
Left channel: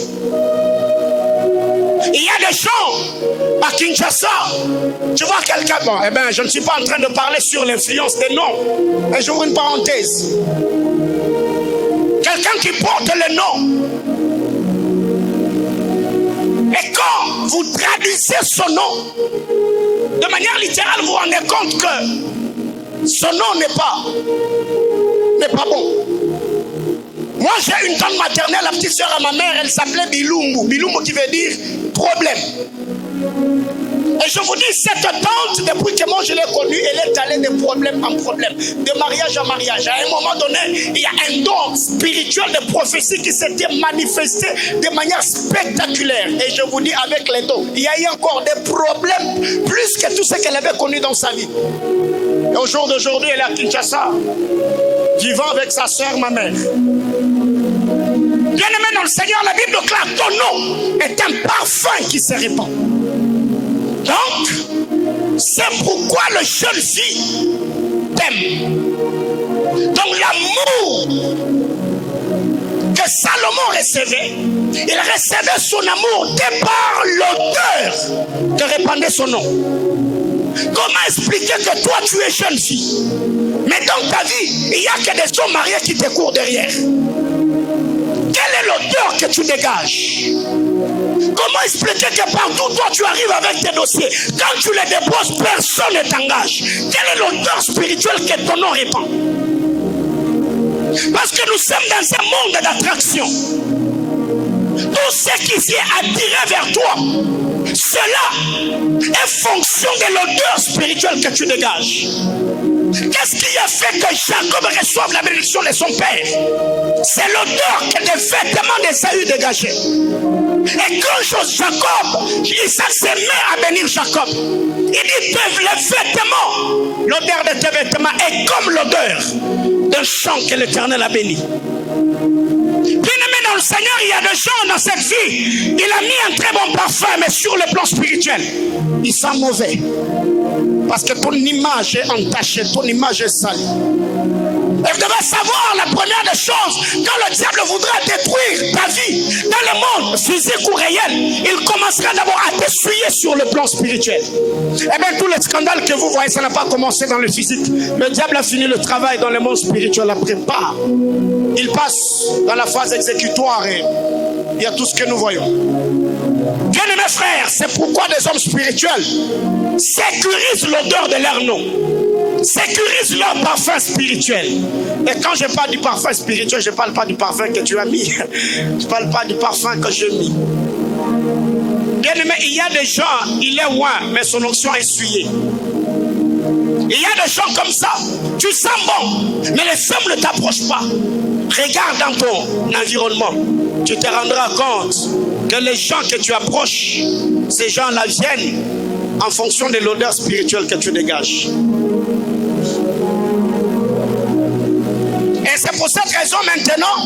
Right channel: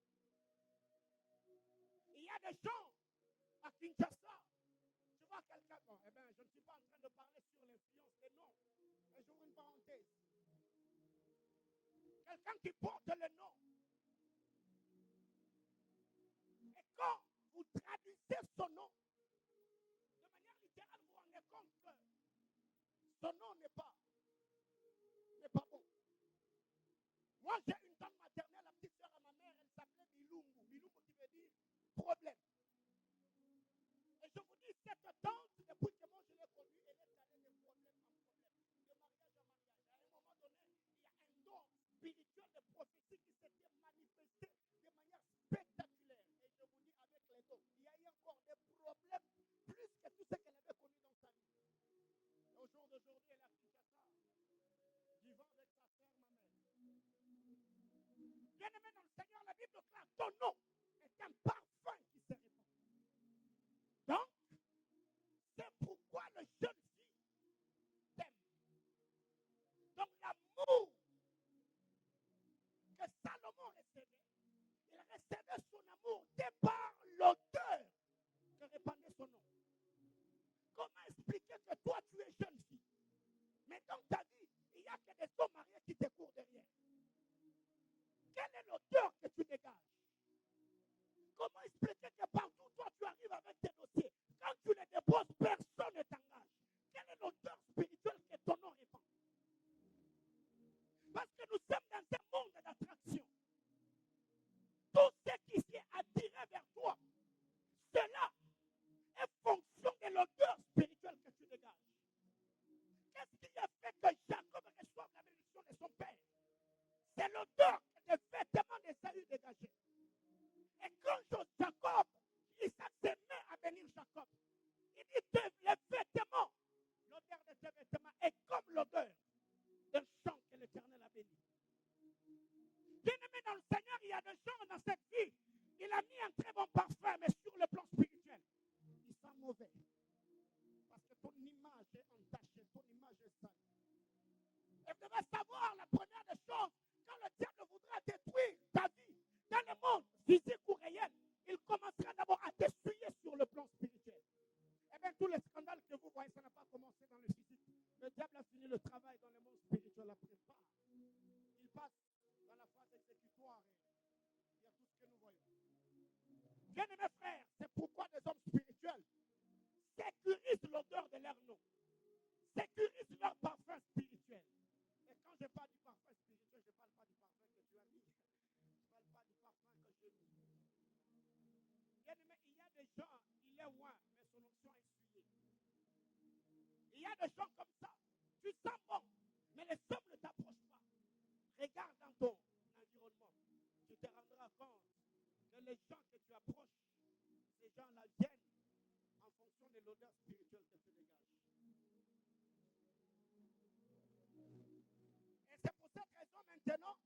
Il y a des gens à Kinshasa, tu vois quelqu'un, bon, eh bien, je ne suis pas en train de parler sur l'influence des noms, mais j'ouvre une parenthèse. Quelqu'un qui porte le nom, et quand vous traduisez son nom, de manière littérale, vous vous rendez compte que son nom n'est pas bon. Moi, j'ai une tante maternelle, la petite sœur à ma mère, elle s'appelait Bilumbu. Bilumbu qui veut dire problème. Et je vous dis, cette tante, depuis que moi je l'ai connue, elle est allée de problème en problème, de mariage en mariage. À un moment donné, il y a un don spirituel de prophétie qui s'était manifesté de manière spectaculaire. Et je vous dis, avec les dons, il y a eu encore des problèmes, plus que tout ce qu'elle avait connu dans sa vie. Et au jour d'aujourd'hui, elle est à Kinshasa, vivant avec sa sœur, ma mère. Bien-aimé dans le Seigneur, la Bible déclare: ton nom est un parfum qui se répand. Donc, c'est pourquoi le jeune fille t'aime. Donc l'amour que Salomon recevait, il recevait son amour de par l'odeur que répandait son nom. Comment expliquer que toi tu es jeune fille, mais dans ta vie, il n'y a que des hommes mariés qui te courent derrière? Quelle est l'odeur que tu dégages? Comment expliquer que partout toi tu arrives avec tes dossiers, quand tu les déposes, personne ne t'engage? Quelle est l'odeur spirituelle que ton nom répand? Parce que nous sommes dans un monde d'attraction. Tout ce qui est attiré vers toi, cela est fonction de l'odeur spirituelle que tu dégages. Qu'est-ce qui a fait que Jacob reçoive la bénédiction de son père? C'est l'odeur que les vêtements d'Ésaü dégageaient. Et quand Jacob, Isaac se met à bénir Jacob, il dit: les vêtements, l'odeur de tes vêtements est comme l'odeur d'un champ que l'Éternel a béni. Bien-aimé dans le Seigneur, il y a des gens dans cette vie, il a mis un très bon parfum, mais sur le plan spirituel, il sent mauvais. Parce que ton image est entachée, ton image est salie. Et vous devez savoir la première des choses, quand le diable voudra détruire ta vie dans le monde physique ou réel, il commencera d'abord à t'essuyer sur le plan spirituel. Eh bien, tous les scandales que vous voyez, ça n'a pas commencé dans le physique. Le diable a fini le travail dans le monde spirituel après pas. Il passe dans la phase exécutoire et il y a tout ce que nous voyons. Bien-aimés frères, c'est pourquoi des hommes spirituels sécurisent l'odeur de leur nom. Sécurise leur parfum spirituel. Et quand je parle du parfum spirituel, je ne parle pas du parfum que tu as mis. Je ne parle pas du parfum que j'ai mis. Bien aimé, il y a des gens, il est loin, mais son onction est essuyée. Il y a des gens comme ça, tu sens bon, mais les femmes ne t'approchent pas. Regarde dans ton environnement, tu te rendras compte que les gens que tu approches, ces gens-là viennent en fonction de l'odeur spirituelle que tu dégages. Et c'est pour cette raison maintenant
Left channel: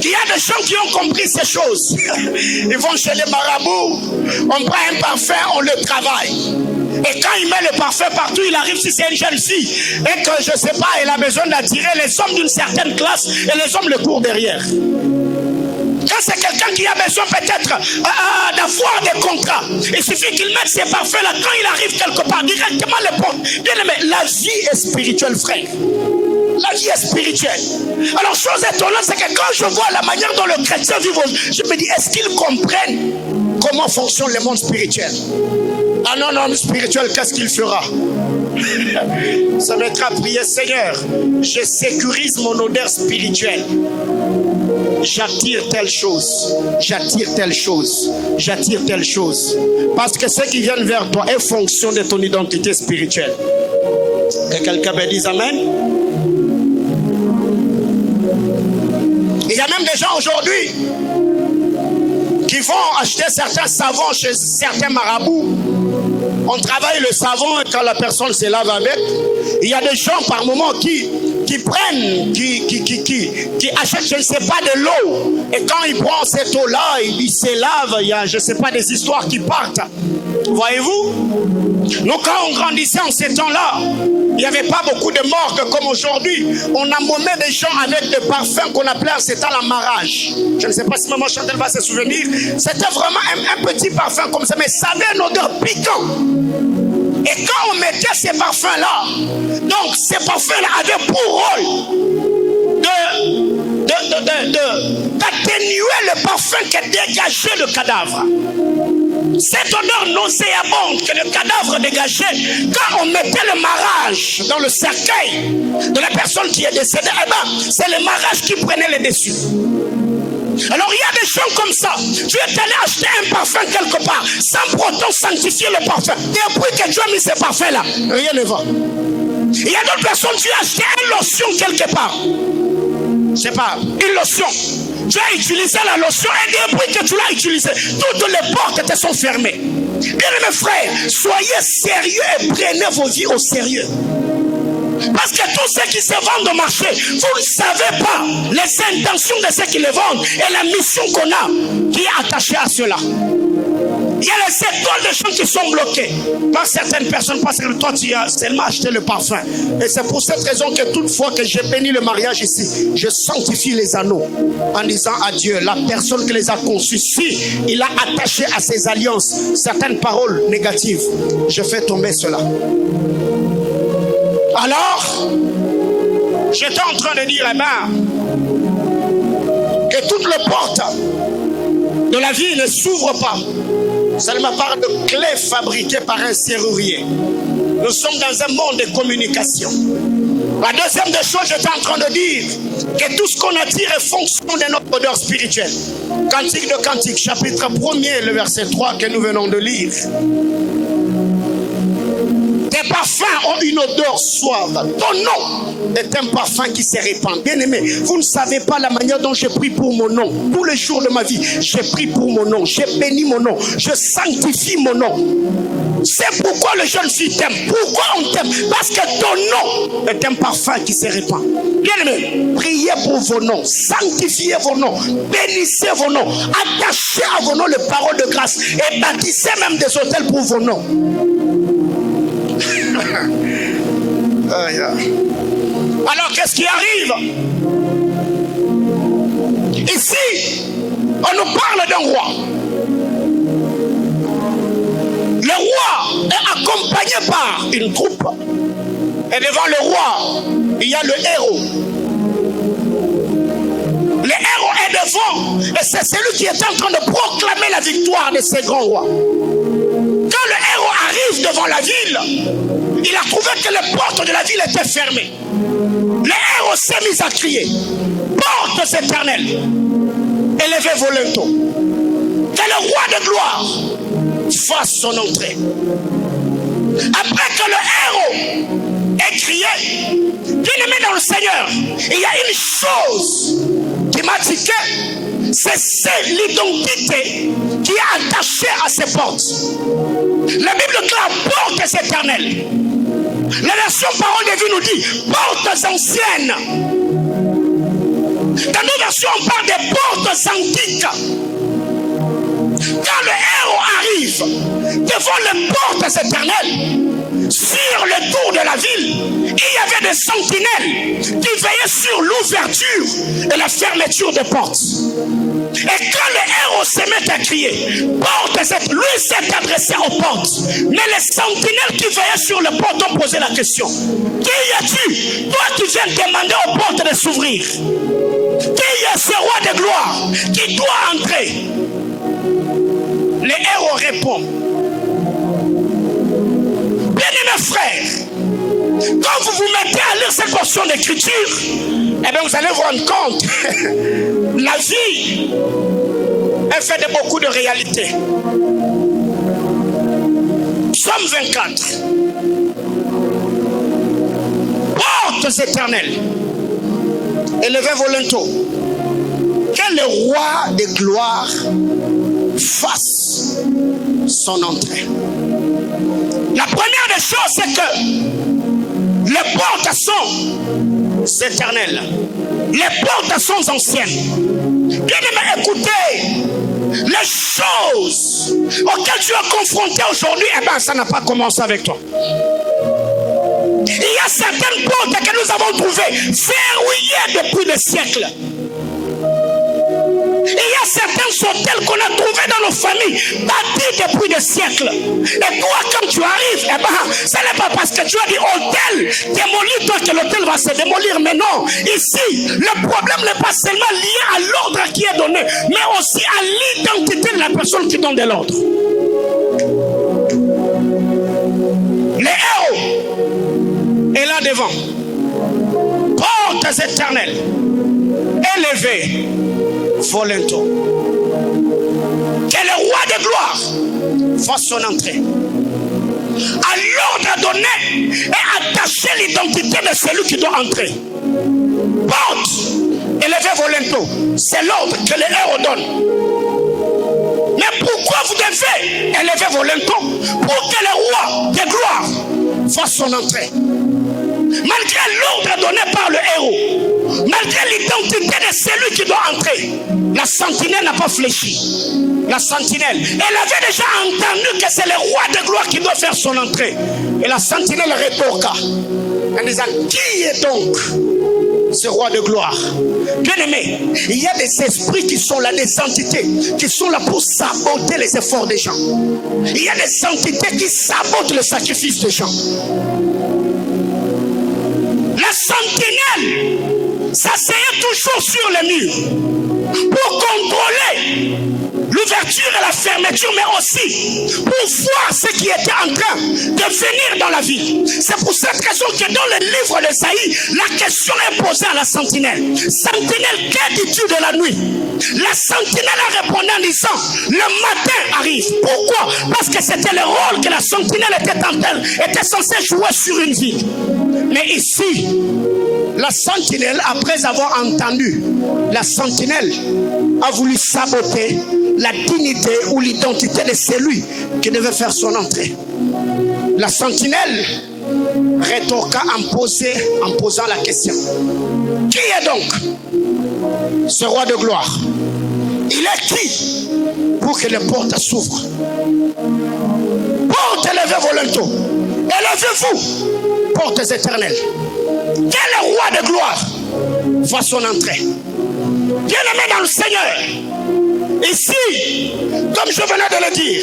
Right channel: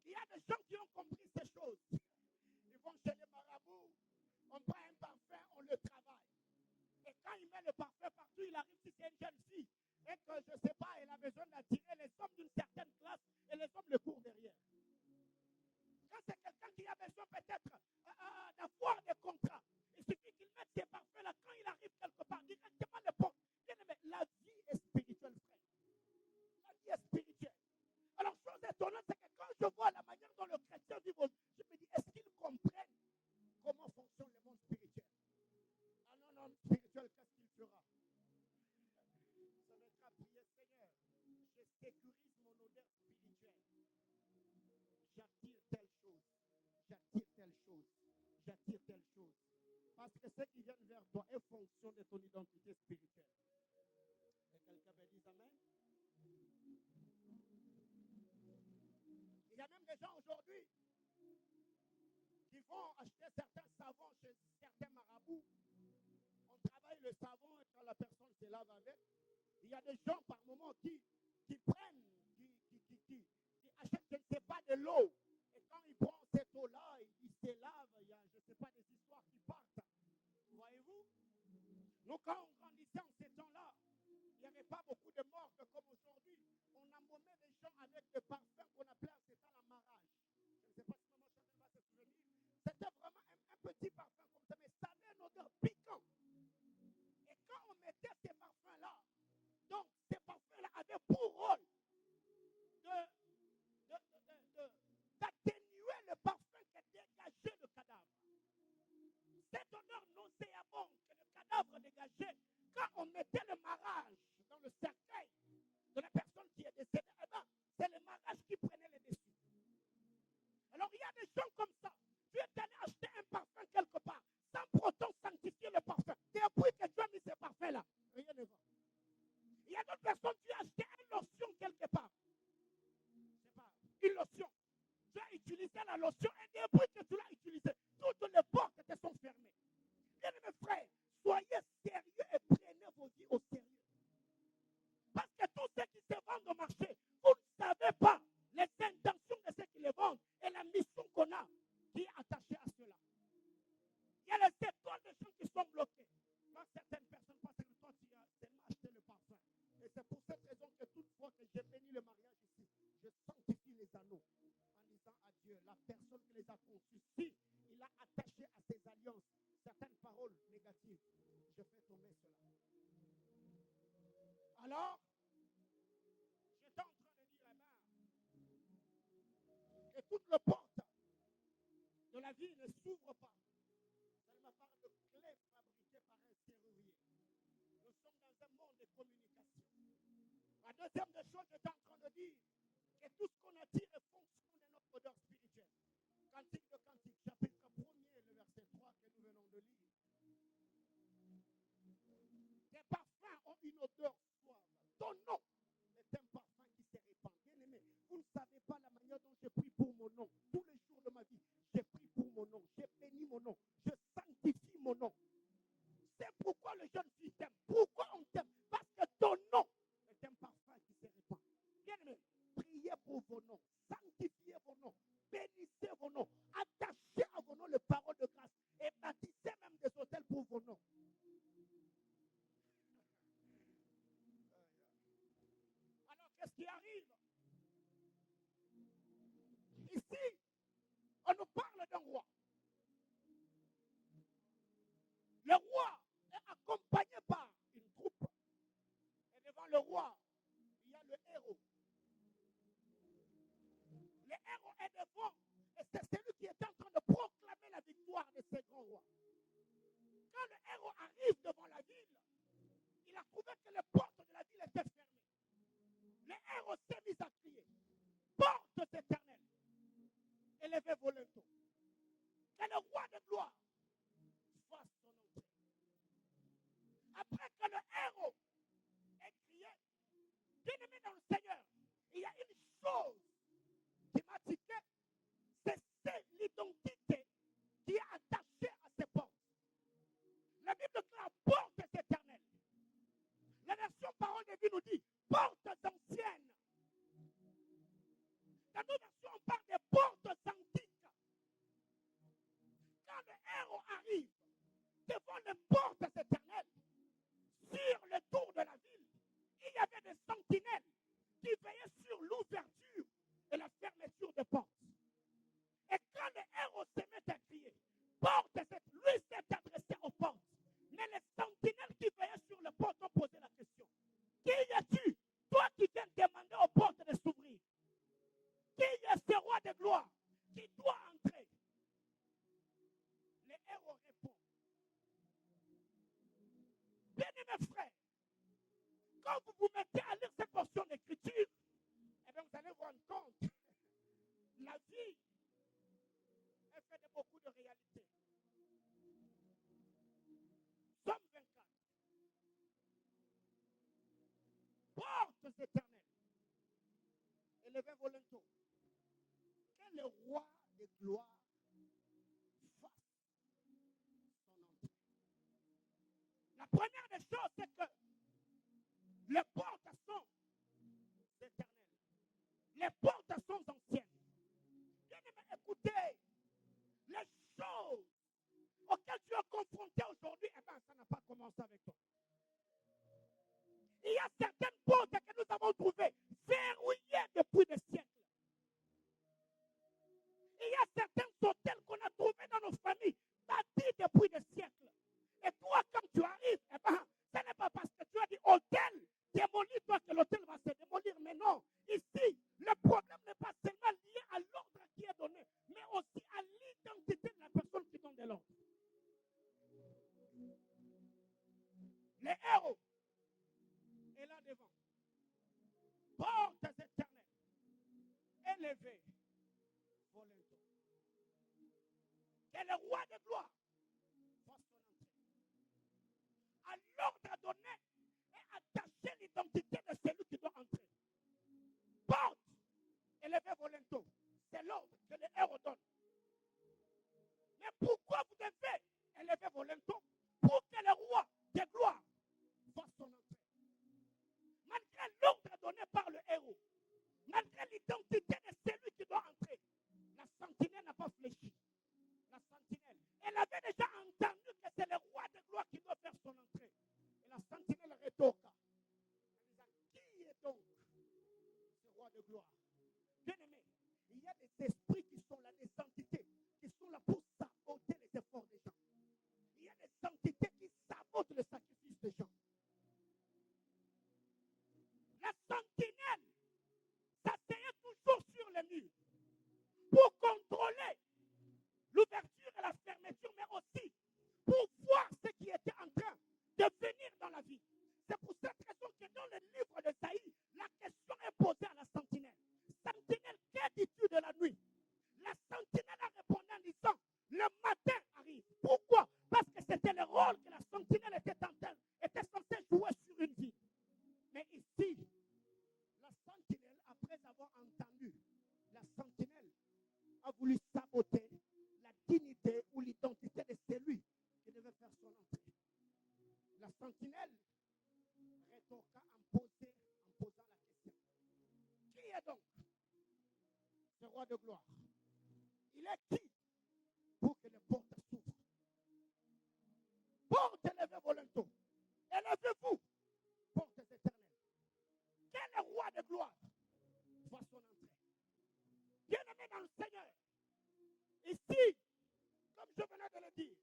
qu'il y a des gens qui ont compris ces choses. Ils vont chez les marabouts, on prend un parfum, on le travaille. Et quand il met le parfum partout, il arrive si c'est une jeune fille et que je ne sais pas, elle a besoin d'attirer les hommes d'une certaine classe et les hommes le courent derrière. Quand c'est quelqu'un qui a besoin peut-être d'avoir des contrats, il suffit qu'il mette ses parfums-là. Quand il arrive quelque part, directement les portes. Bien aimé, la vie est spirituelle, frère. La vie est spirituelle. Alors, chose étonnante, c'est que quand je vois la manière dont le chrétien vit, je me dis, est-ce qu'ils comprennent comment fonctionne le monde spirituel? Un homme spirituel, qu'est-ce qu'il fera? Ça mettra à prier, Seigneur, je sécurise mon odeur spirituelle. J'attire telle chose, j'attire telle chose, j'attire telle chose. Parce que ceux qui viennent vers toi est fonction de ton identité spirituelle. Que quelqu'un me dise Amen. Il y a même des gens aujourd'hui qui vont acheter certains savons chez certains marabouts. On travaille le savon et quand la personne se lave avec. Il y a des gens par moment qui prennent, qui achètent, je ne sais pas, de l'eau. Et quand ils prennent cette eau-là, ils se lavent. Il y a, je ne sais pas, des histoires qui partent. Voyez-vous? Nous, quand on grandissait en ces temps-là, il n'y avait pas beaucoup de morgues comme aujourd'hui. On embaumait des gens avec des parfums qu'on appelait en ces temps l'amarrage. Je ne sais pas si maman Chantal va se souvenir. C'était vraiment un petit parfum comme ça, mais ça avait une odeur piquante. Et quand on mettait ces parfums-là, donc ces parfums-là avaient pour rôle d'atténuer le parfum qui dégageait le cadavre. Cette odeur nauséabonde que le cadavre dégageait, quand on mettait le marrage dans le cercueil de la personne qui est décédée, eh ben, c'est le marrage qui prenait le dessus. Alors il y a des gens comme ça. Tu es allé acheter un parfum quelque part sans pour autant sanctifier le parfum. Et depuis que tu as mis ce parfum-là, rien ne va. Il y a d'autres personnes, tu as acheté une lotion quelque part. Je sais pas, une lotion. Tu as utilisé la lotion et depuis que tu l'as utilisée, toutes les portes te sont fermées. Bien mes frères, soyez sérieux et prenez vos vies au sérieux. Parce que tous ceux qui se vendent au marché, vous ne savez pas les intentions de ceux qui les vendent et la mission qu'on a qui est attachée à cela. Il y a les étoiles de gens qui sont bloqués par certaines personnes parce que toi tu as seulement acheté le parfum. Et c'est pour cette raison que toute fois que j'ai béni le mariage ici, je sanctifie les anneaux en disant à Dieu, la personne qui les a conçus, si il a attaché à ses alliances certaines paroles négatives, je fais tomber cela. Alors, j'étais en train de dire, eh ben, que toutes les portes de la vie ne s'ouvrent pas seulement par de clés fabriquées par un serrurier. Nous sommes dans un monde de communication. La deuxième des choses, j'étais en train de dire que tout ce qu'on attire est fonction de notre odeur spirituelle. Cantique de Cantique, chapitre 1er, le verset 3 que nous venons de lire. Tes parfums ont une odeur suave. Ton nom est un parfum qui se répand. Bien aimé, vous ne savez pas la manière dont j'ai pris pour mon nom. Tous les jours de ma vie, j'ai pris pour mon nom. J'ai béni mon nom. Je sanctifie mon nom. C'est pourquoi les jeunes filles t'aiment. Pourquoi on t'aime? Parce que ton nom est un parfum qui se répand. Bien aimé, priez pour vos noms. Sanctifiez vos noms. Bénissez vos noms. Attachez à vos noms les paroles de grâce. Et bâtissez même des hôtels pour vos noms. Alors qu'est-ce qui arrive? Ici, on nous parle d'un roi. Le roi est accompagné par une troupe. Et devant le roi, il y a le héros. Le héros est devant. Et c'est celui qui est en train de proclamer la victoire de ces grands rois. Quand le héros arrive devant la ville, il a trouvé que les portes de la ville étaient fermées. Le héros s'est mis à crier: portes éternelles, élevez vos linteaux, que le roi de gloire fasse son entrée. Après que le héros ait crié, bien-aimé dans le Seigneur, il y a une chose qui m'a tiqué, c'est l'identité qui est attachée à ces portes. La Bible déclare portes éternelles. La version Parole de vie nous dit portes anciennes. Dans nos versions, on parle des portes antiques. Quand le héros arrive devant les portes éternelles, sur le tour de la ville, il y avait des sentinelles qui veillaient sur l'ouverture et la fermeture des portes. Et quand le héros se met à crier, lui s'est adressé aux portes. Mais les sentinelles qui veillaient sur les portes ont posé la question: qui es-tu, toi qui viens demander aux portes de s'ouvrir? Qui est ce roi de gloire qui doit entrer? Le héros répond: bien-aimés frères, quand vous vous mettez à lire cette portion d'écriture, eh bien vous allez vous rendre compte, la vie est faite de beaucoup de réalités. Psaume 24. Portes éternelles, élevez vos linteaux, que le roi de gloire fasse son entrée. La première des choses, c'est que les portes sont éternelles. Les portes sont anciennes. Bien-aimés, écoutez, les choses auxquelles tu es confronté aujourd'hui, eh bien, ça n'a pas commencé avec toi. Il y a certaines portes que nous avons trouvées verrouillées depuis des siècles. Il y a certains hôtels qu'on a trouvés dans nos familles, bâtis depuis des siècles. Et toi, quand tu arrives, eh ben, ce n'est pas parce que tu as dit hôtel, démolis-toi que l'hôtel va se démolir. Mais non, ici, le problème n'est pas seulement lié à l'ordre qui est donné, mais aussi à l'identité de la personne qui donne de l'ordre. Le héros est là devant. Portes éternelles, élevées vos linteaux, que le roi de gloire fasse son entrée. À l'ordre donné est attachée l'identité de celui qui doit entrer. Porte, élevez vos linteaux, c'est l'ordre que le héros donne. Mais pourquoi vous devez élever vos linteaux? Pour que le roi de gloire fasse son entrée. Malgré l'ordre donné par le héros, malgré l'identité de celui qui doit entrer, la sentinelle n'a pas fléchi. La sentinelle, elle avait déjà entendu que c'est le roi de gloire qui doit faire son entrée. Et la sentinelle rétorqua en disant: qui est donc ce roi de gloire? Bien aimé, il y a des esprits qui sont là, des entités qui sont là pour saboter les efforts des gens. Il y a des entités qui sabotent le sacrifice des gens. La sentinelle s'asseyait toujours sur les murs pour contrôler l'ouverture et la fermeture, mais aussi pour voir ce qui était en train de venir dans la ville. C'est pour cette raison que dans le livre d'Ésaïe, la question est posée à la sentinelle. Sentinelle, que dis-tu de la nuit? La sentinelle a répondu en disant: le matin arrive. Pourquoi? Parce que c'était le rôle que la sentinelle était censée jouer sur une ville. Mais ici, la sentinelle, après avoir entendu, la sentinelle a voulu saboter la dignité ou l'identité de celui qui devait faire son entrée. La sentinelle rétorqua en posant la question: qui est donc ce roi de gloire? Il est qui pour que les portes s'ouvrent? Portes, élevez vos linteaux, élevez-vous, portes éternelles. Que le roi de gloire voit son entrée. Bien-aimé dans le Seigneur, ici, comme je venais de le dire,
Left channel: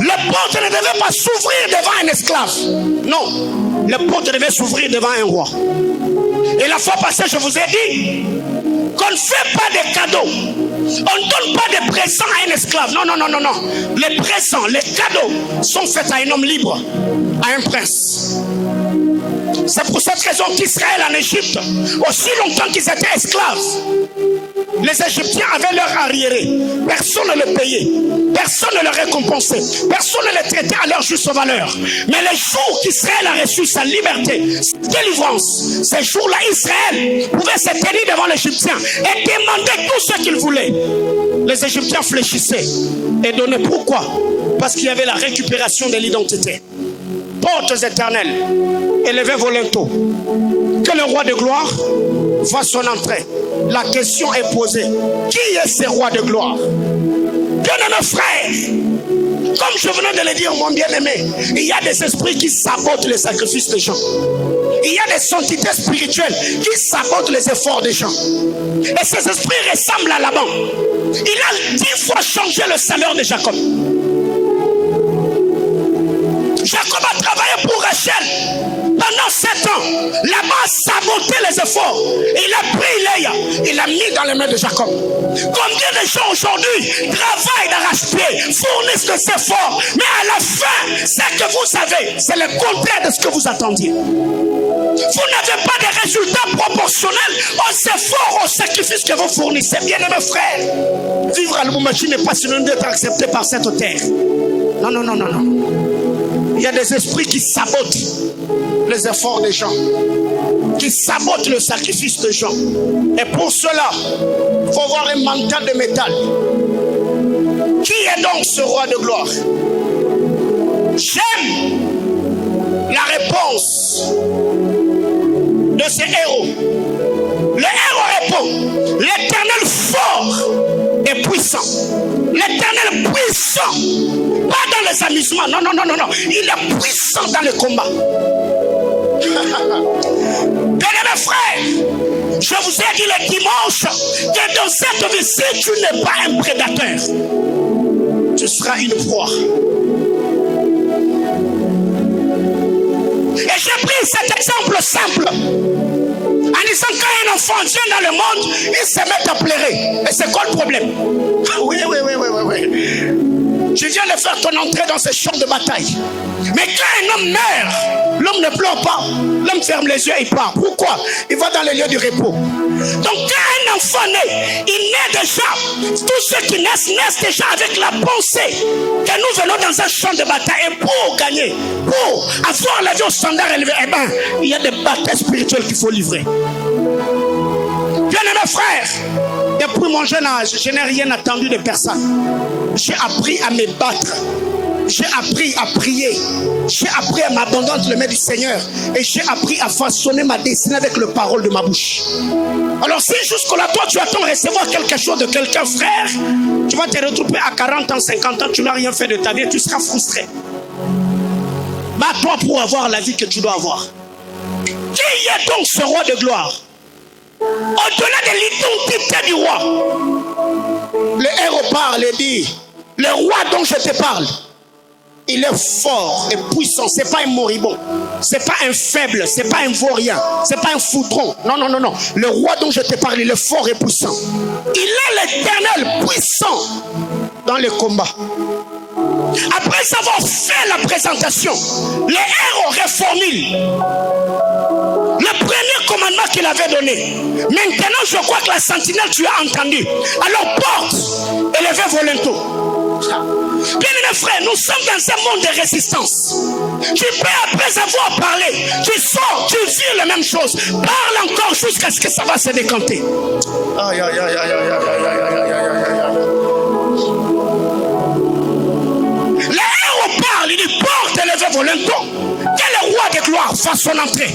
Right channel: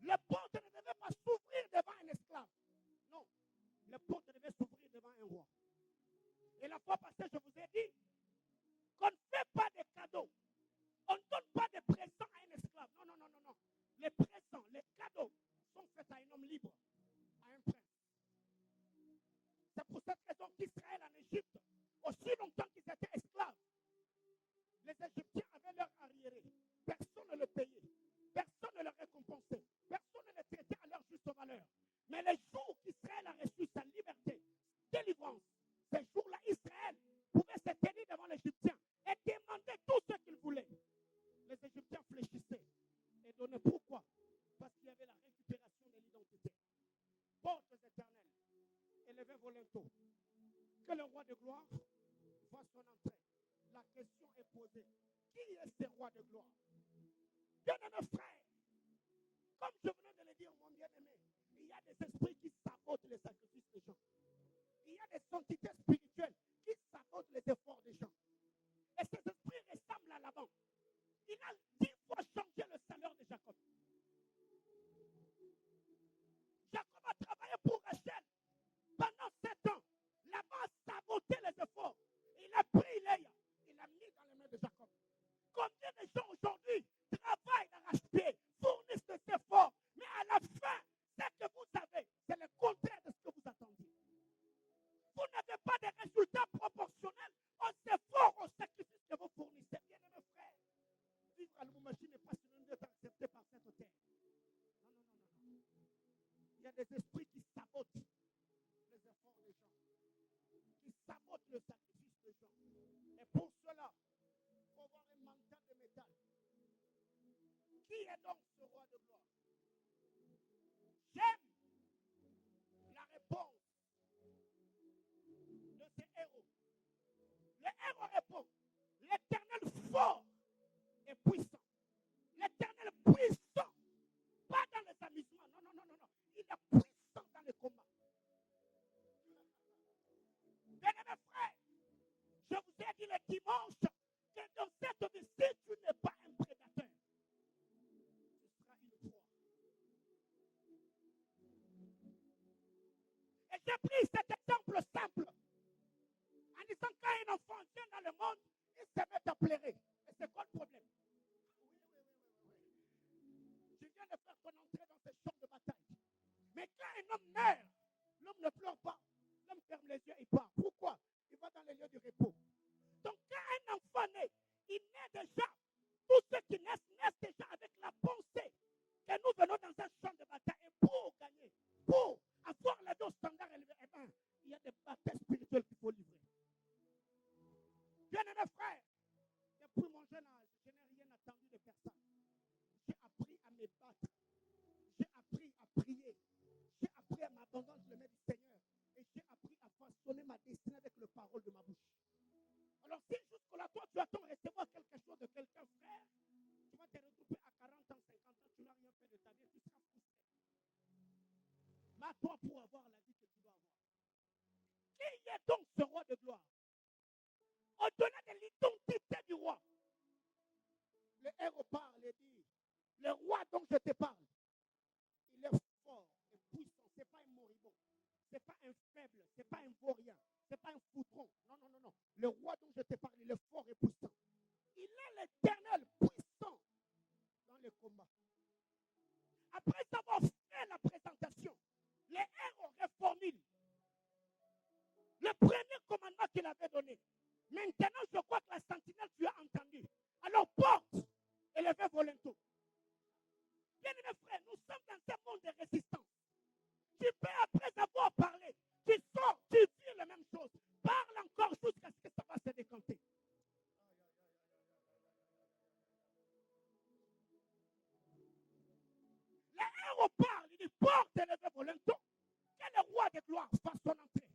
le porte ne devait pas s'ouvrir devant un esclave. Non, le porte devait s'ouvrir devant un roi. Et la fois passée, je vous ai dit qu'on ne fait pas de cadeaux. On ne donne pas de présents à un esclave. Non, non, non, non, non. Les présents, les cadeaux sont faits à un homme libre, à un prince. C'est pour cette raison qu'Israël en Égypte, aussi longtemps qu'ils étaient esclaves, les Égyptiens avaient leur arriéré. Personne ne le payait. Personne ne le récompensait. Personne ne les traitait à leur juste valeur. Mais les jours qu'Israël a reçu sa liberté, sa délivrance, ces jours-là, Israël pouvait se tenir devant l'Égyptien et demander tout ce qu'il voulait. Les Égyptiens fléchissaient et donnaient. Pourquoi? Parce qu'il y avait la récupération de l'identité. Portes éternelles, élevez vos linteaux. Que le roi de gloire voit son entrée. La question est posée. Qui est ce roi de gloire? Bien-aimé frère, comme je venais de le dire, mon bien-aimé, il y a des esprits qui sabotent les sacrifices des gens. Il y a des entités spirituelles qui sabotent les efforts des gens. Et ces esprits ressemblent à Laban. Il a 10 fois changé le salaire de Jacob. Jacob a travaillé pour Rachel. Pendant 7 ans, Laban a saboté les efforts. Il a pris Léa, il l'a mis dans les mains de Jacob. Combien de gens aujourd'hui travaillent d'arrache-pied, fournissent des efforts, mais à la fin, ce que vous avez, c'est le contraire de ce que vous attendiez. Vous n'avez pas de résultats proportionnels aux efforts, aux sacrifices que vous fournissez. Bien-aimés frères, vivre à Lubumbashi n'est pas synonyme d'être accepté par cette terre. Non, non, non, non, non. Il y a des esprits qui sabotent les efforts des gens, qui sabotent le sacrifice des gens. Et pour cela, il faut avoir un mental de métal. Qui est donc ce roi de gloire? J'aime la réponse de ces héros. Le héros répond: l'Éternel fort et puissant. L'Éternel puissant. Pas dans les amusements. Non, non, non, non, non. Il est puissant dans le combat. Bien-aimés frères, je vous ai dit le dimanche que dans cette vie, si tu n'es pas un prédateur, tu seras une proie. Et j'ai pris cet exemple simple en disant quand un enfant vient dans le monde, il se met à pleurer. Et c'est quoi le problème? Oui. Je viens de faire ton entrée dans ce champ de bataille. Mais quand un homme meurt, l'homme ne pleure pas. L'homme ferme les yeux et il part. Pourquoi? Il va dans les lieux du repos. Donc quand un enfant naît, il naît déjà. Tous ceux qui naissent déjà avec la pensée que nous venons dans un champ de bataille. Et pour gagner, pour avoir la vie au standard élevé, eh bien, il y a des batailles spirituelles qu'il faut livrer. Bien-aimés frères, depuis mon jeune âge, je n'ai rien attendu de personne. J'ai appris à me battre. J'ai appris à prier. J'ai appris à m'abandonner entre les mains du Seigneur. Et j'ai appris à façonner ma destinée avec les paroles de ma bouche. Alors si jusque-là, toi, tu attends recevoir quelque chose de quelqu'un, frère, tu vas te retrouver à 40 ans, 50 ans, tu n'as rien fait de ta vie et tu seras frustré. Bats-toi pour avoir la vie que tu dois avoir. Qui est donc ce roi de gloire? Au-delà de l'identité du roi, le héros parle et dit: le roi dont je te parle, il est fort et puissant. C'est pas un moribond, c'est pas un faible, c'est pas un vaurien, c'est pas un foutron. Non, non, non, non. Le roi dont je te parle, il est fort et puissant. Il est l'Éternel puissant dans les combats. Après avoir fait la présentation, le héros reformule le premier commandement qu'il avait donné. Maintenant, je crois que la sentinelle, tu as entendu. Alors porte, élevez vos linteaux. Bien-aimés frères, nous sommes dans un monde de résistance. Tu peux, après avoir parlé, tu sors, tu vis la même chose. Parle encore jusqu'à ce que ça va se décanter. Aïe, aïe, aïe, aïe, aïe, aïe, aïe, aïe, aïe, aïe. Le héros parle, il dit porte, élevez vos linteaux. Que le roi de gloire fasse son entrée.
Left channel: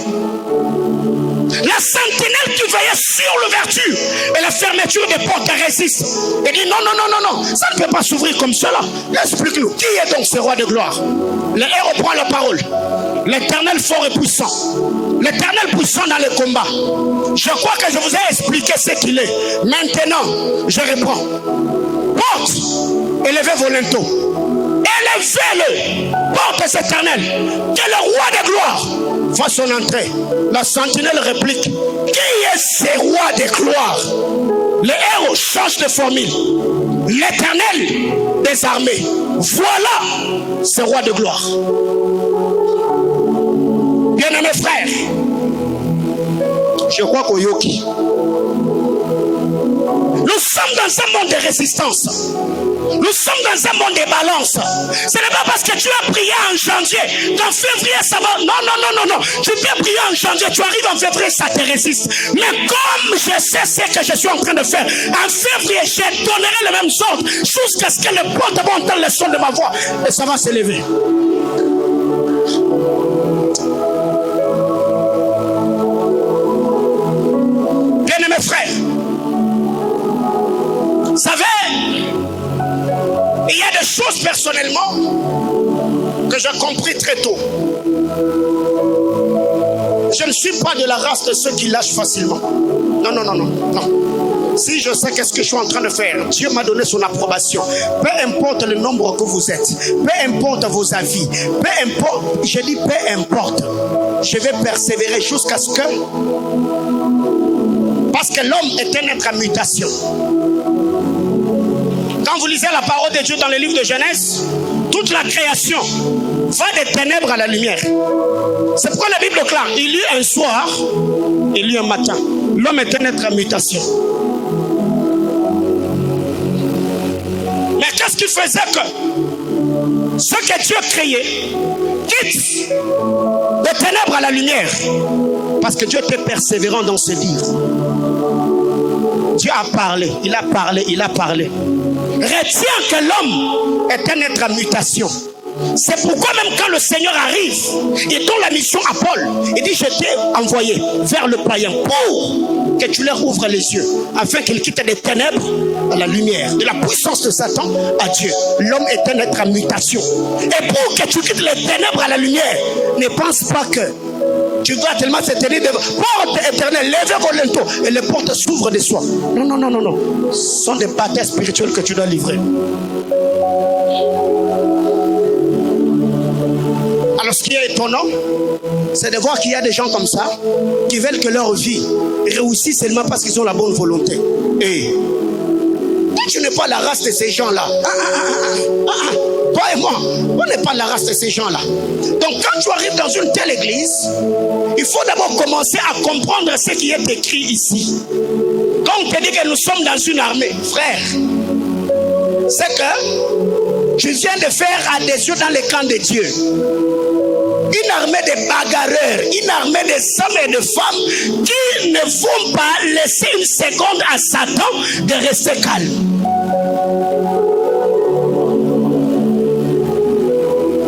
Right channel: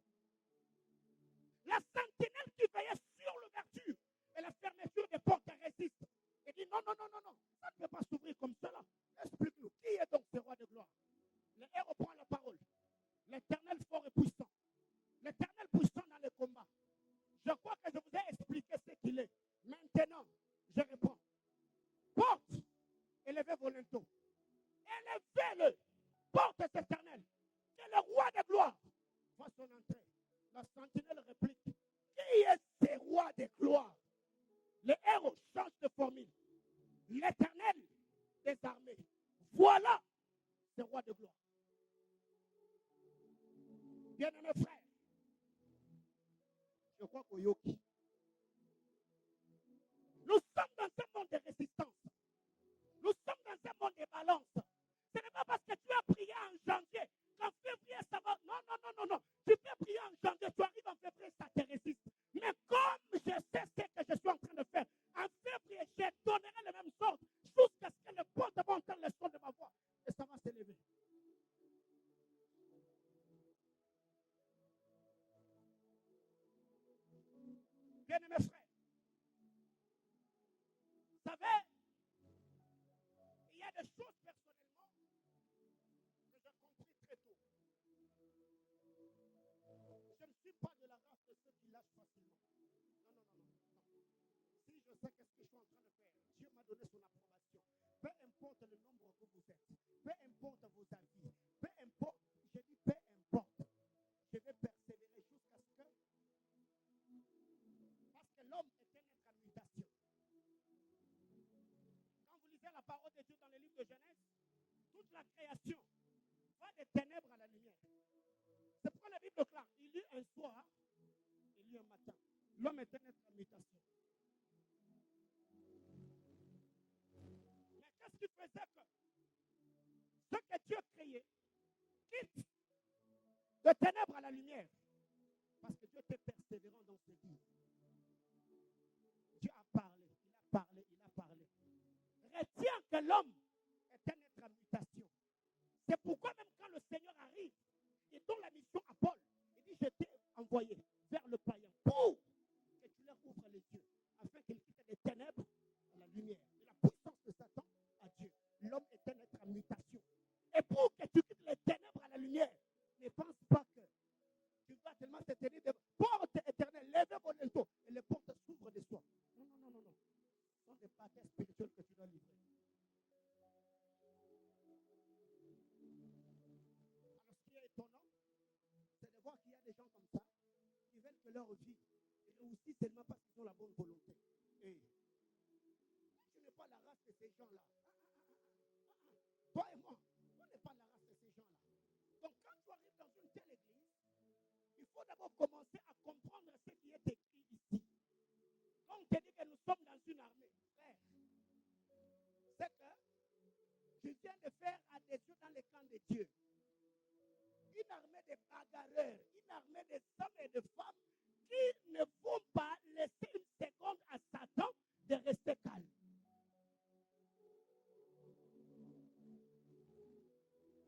La sentinelle qui veillait sur l'ouverture et la fermeture des portes résiste. Et dit non, non, non, non, non, ça ne peut pas s'ouvrir comme cela. Explique-nous, qui est donc ce roi de gloire? Le héros prend la parole. L'Éternel fort et puissant. L'Éternel puissant dans le combat. Je crois que je vous ai expliqué ce qu'il est. Maintenant, je reprends. Porte, élevez vos linteaux. Élevez-le. Porte éternel. Que le roi de gloire fasse son entrée. La sentinelle réplique. Qui est ce roi de gloire? Les héros changent de formule. L'Éternel des armées. Voilà ce roi de gloire. Bien-aimés frères, je crois qu'au Yoki, nous sommes dans un monde de résistance. Nous sommes dans un monde de balance. Ce n'est pas parce que tu as prié en janvier qu'en février ça va. Non. Tu peux prier en janvier, tu arrives en février, ça te résiste. Mais comme je sais ce que je suis en train de faire, en février, je donnerai le même sort jusqu'à ce que le porte va entendre le son de ma voix et ça va s'élever. Bien-aimés frères, vous savez, il y a des choses personnellement que j'ai compris très tôt. Je ne suis pas de la race de ceux qui lâchent facilement. Non. Si je sais qu'est-ce que je suis en train de faire, Dieu m'a donné son approbation. Peu importe le nombre que vous êtes, peu importe vos avis, peu importe, je dis peu importe, je vais persévérer jusqu'à ce que... Parce que l'homme est un être en mutation. Quand vous lisez la parole de Dieu dans le livre de Genèse, toute la création va des ténèbres à la lumière. C'est pourquoi la Bible clare, il y eut un soir, il y eut un matin. L'homme est un être en mutation. Mais qu'est-ce qui faisait que ce que Dieu créait quitte des ténèbres à la lumière? Parce que Dieu était persévérant dans ses dires. Dieu a parlé, il a parlé. Retiens que l'homme est un être en mutation. C'est pourquoi même quand le Seigneur arrive, il donne la mission à Paul. Il dit, je t'ai envoyé vers le païen pour que tu leur ouvres les yeux, afin qu'ils quittent des ténèbres à la lumière, de la puissance de Satan à Dieu. L'homme est un être en mutation. Et pour que tu quittes les ténèbres à la lumière, ne pense pas que tu dois tellement se tenir devant. Porte éternelle, levez vos linteaux et les portes s'ouvrent de soi. Non. Ce sont des batailles spirituelles que tu dois livrer. Alors ce qui est étonnant, c'est de voir qu'il y a des gens comme ça qui veulent que leur vie réussisse seulement parce qu'ils ont la bonne volonté. Et tu n'es pas la race de ces gens-là. Toi et moi, on n'est pas la race de ces gens-là. Donc quand tu arrives dans une telle église, il faut d'abord commencer à comprendre ce qui est écrit ici. Quand on te dit que nous sommes dans une armée, frère, c'est que tu viens de faire adhésion dans le camp de Dieu. Une armée de bagarreurs, une armée de hommes et de femmes qui ne vont pas laisser une seconde à Satan de rester calme.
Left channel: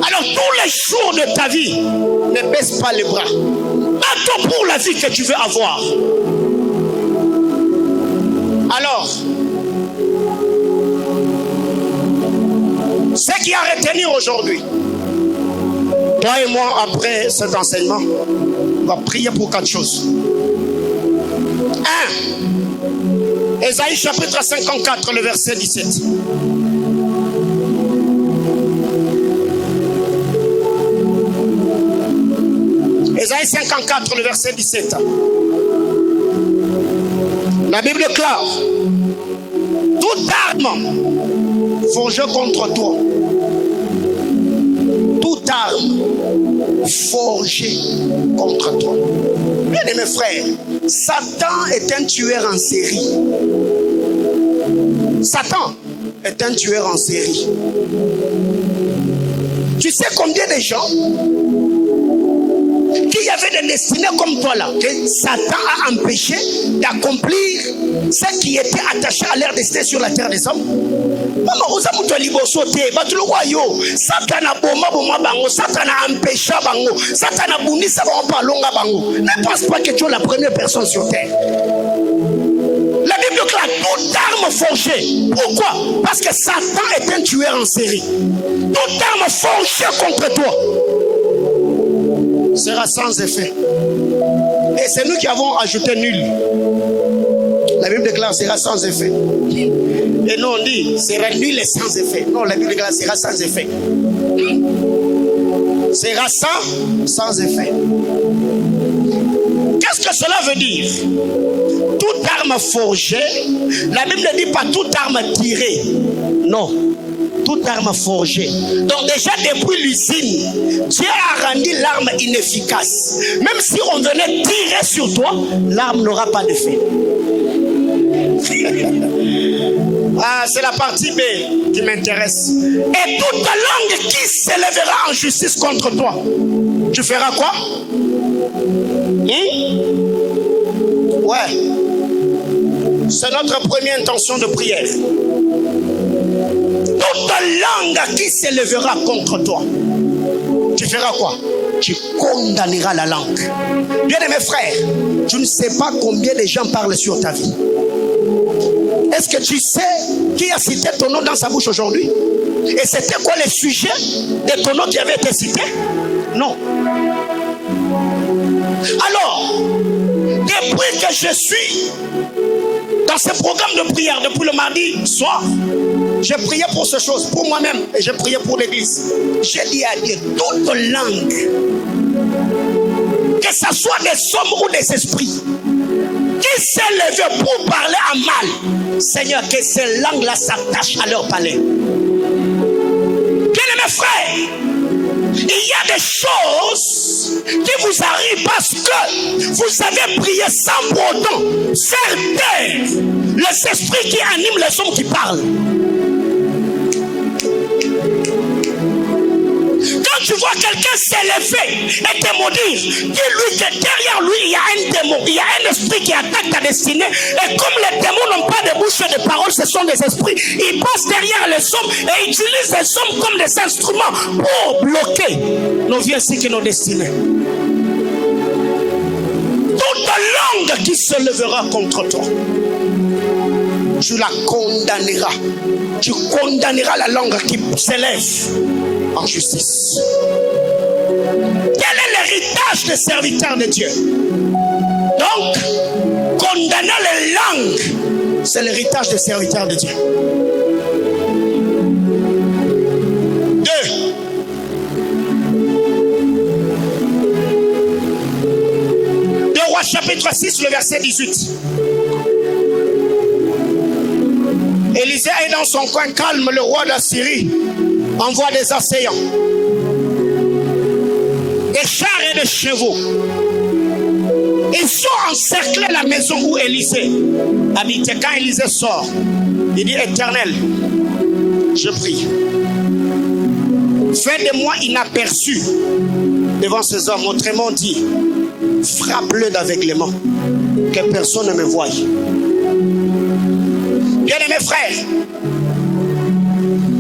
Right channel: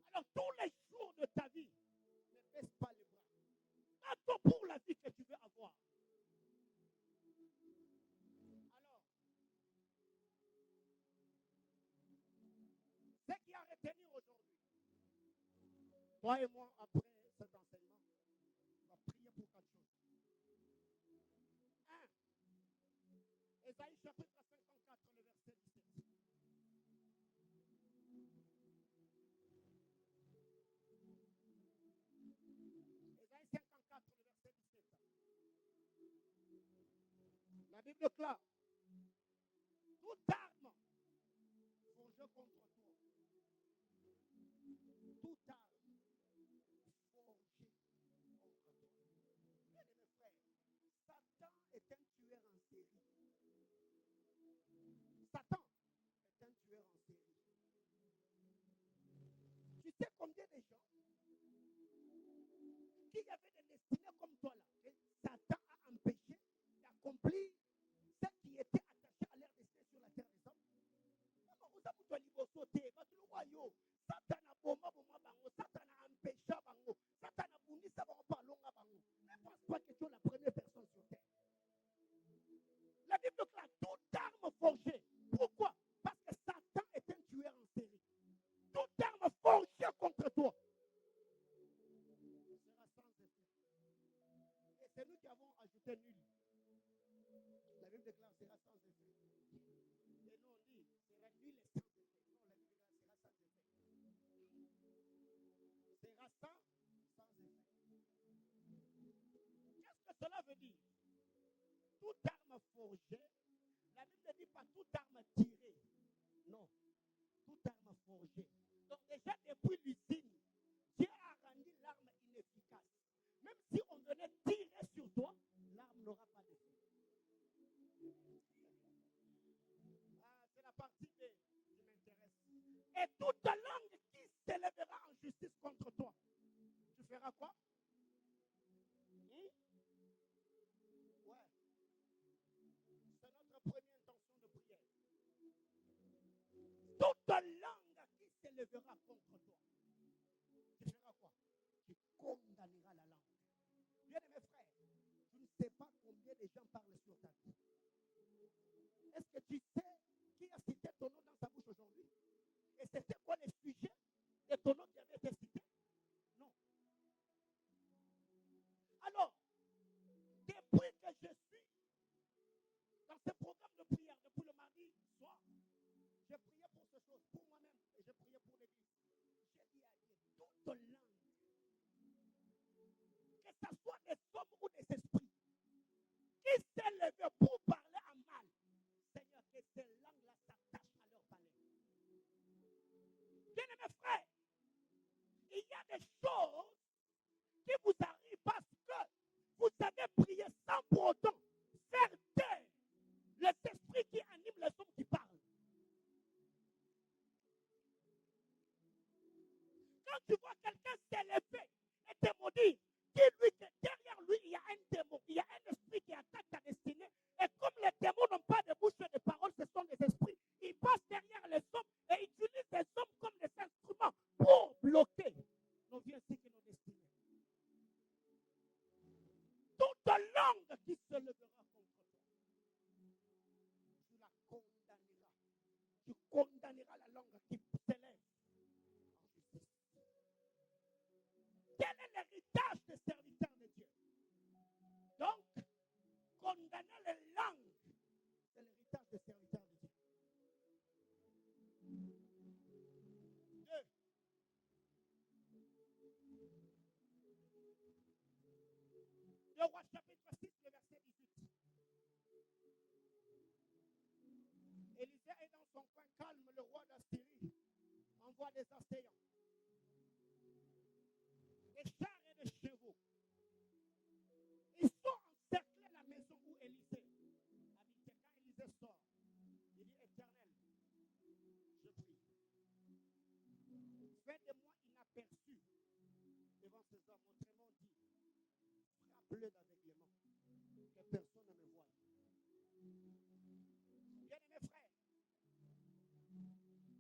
Alors tous les jours de ta vie, ne baisse pas les bras. Bats-toi pour la vie que tu veux avoir. Alors, ce qui a à retenir aujourd'hui, toi et moi, après cet enseignement, on va prier pour 4 choses. 1. Ésaïe chapitre 54, le verset 17. Ésaïe 54, le verset 17. La Bible clare. Toute arme forgée contre toi. Toute arme forgée contre toi. Bien mes frères, Satan est un tueur en série. Satan est un tueur en série. Tu sais combien de gens qui avaient des destinées comme toi là, que Satan a empêché d'accomplir ce qui était attaché à leur destinée sur la terre des hommes? Maman, oza mutu liboso te, batuloko yo, Satan a boma bango, Satan a empêché bango, Satan a bundisa bango palonga bango. Ne pense pas que tu es la première personne sur terre. La Bible clame toute arme forgée. Pourquoi? Parce que Satan est un tueur en série. Toute arme forgée contre toi sera sans effet. Et c'est nous qui avons ajouté nul. La Bible déclare sera sans effet. Et nous on dit sera nul et sans effet. Non, la Bible déclare sera sans effet. Sera sans effet. Qu'est-ce que cela veut dire? Toute arme forgée, la Bible ne dit pas toute arme tirée. Non, toute arme forgée. Donc déjà depuis l'usine, Dieu a rendu l'arme inefficace. Même si on venait tirer sur toi, l'arme n'aura pas d'effet. Ah, c'est la partie B qui m'intéresse. Et toute langue qui s'élèvera en justice contre toi, tu feras quoi? Ouais. C'est notre première intention de prière. Toute langue qui s'élèvera contre toi, tu feras quoi? Tu condamneras la langue. Bien-aimés frères, tu ne sais pas combien de gens parlent sur ta vie. Est-ce que tu sais qui a cité ton nom dans sa bouche aujourd'hui? Et c'était quoi le sujet de ton nom qui avait été cité? Non. Alors, depuis que je suis dans ce programme de prière, depuis le mardi soir, j'ai prié pour ces choses, pour moi-même, et j'ai prié pour l'église. J'ai dit à Dieu, toute langue, que ce soit des hommes ou des esprits, qui s'élèvent pour parler à mal, Seigneur, que ces langues-là s'attachent à leur palais. Bien-aimés frères, il y a des choses qui vous arrivent parce que vous avez prié sans pour autant faire taire les esprits qui animent les hommes qui parlent. Quand tu vois quelqu'un s'élever et te maudire, dis-lui que derrière lui il y a un démon, il y a un esprit qui attaque ta destinée. Et comme les démons n'ont pas de bouche et de parole, ce sont des esprits. Ils passent derrière les hommes et utilisent les hommes comme des instruments pour bloquer nos vies ainsi que nos destinées. Toute langue qui se lèvera contre toi, tu la condamneras. Tu condamneras la langue qui s'élève en justice. Quel est l'héritage des serviteurs de Dieu? Donc, condamner les langues, c'est l'héritage des serviteurs de Dieu. 2 Rois chapitre 6, le verset 18. Élisée est dans son coin calme, le roi d'Assyrie envoie des assaillants, des chars et des chevaux. Ils sont encerclés la maison où Élisée habitait. Quand Élisée sort, il dit: Éternel, je prie, fais de moi inaperçu devant ces hommes. Autrement dit, frappe-le d'aveuglement, que personne ne me voie. Bien-aimés frères,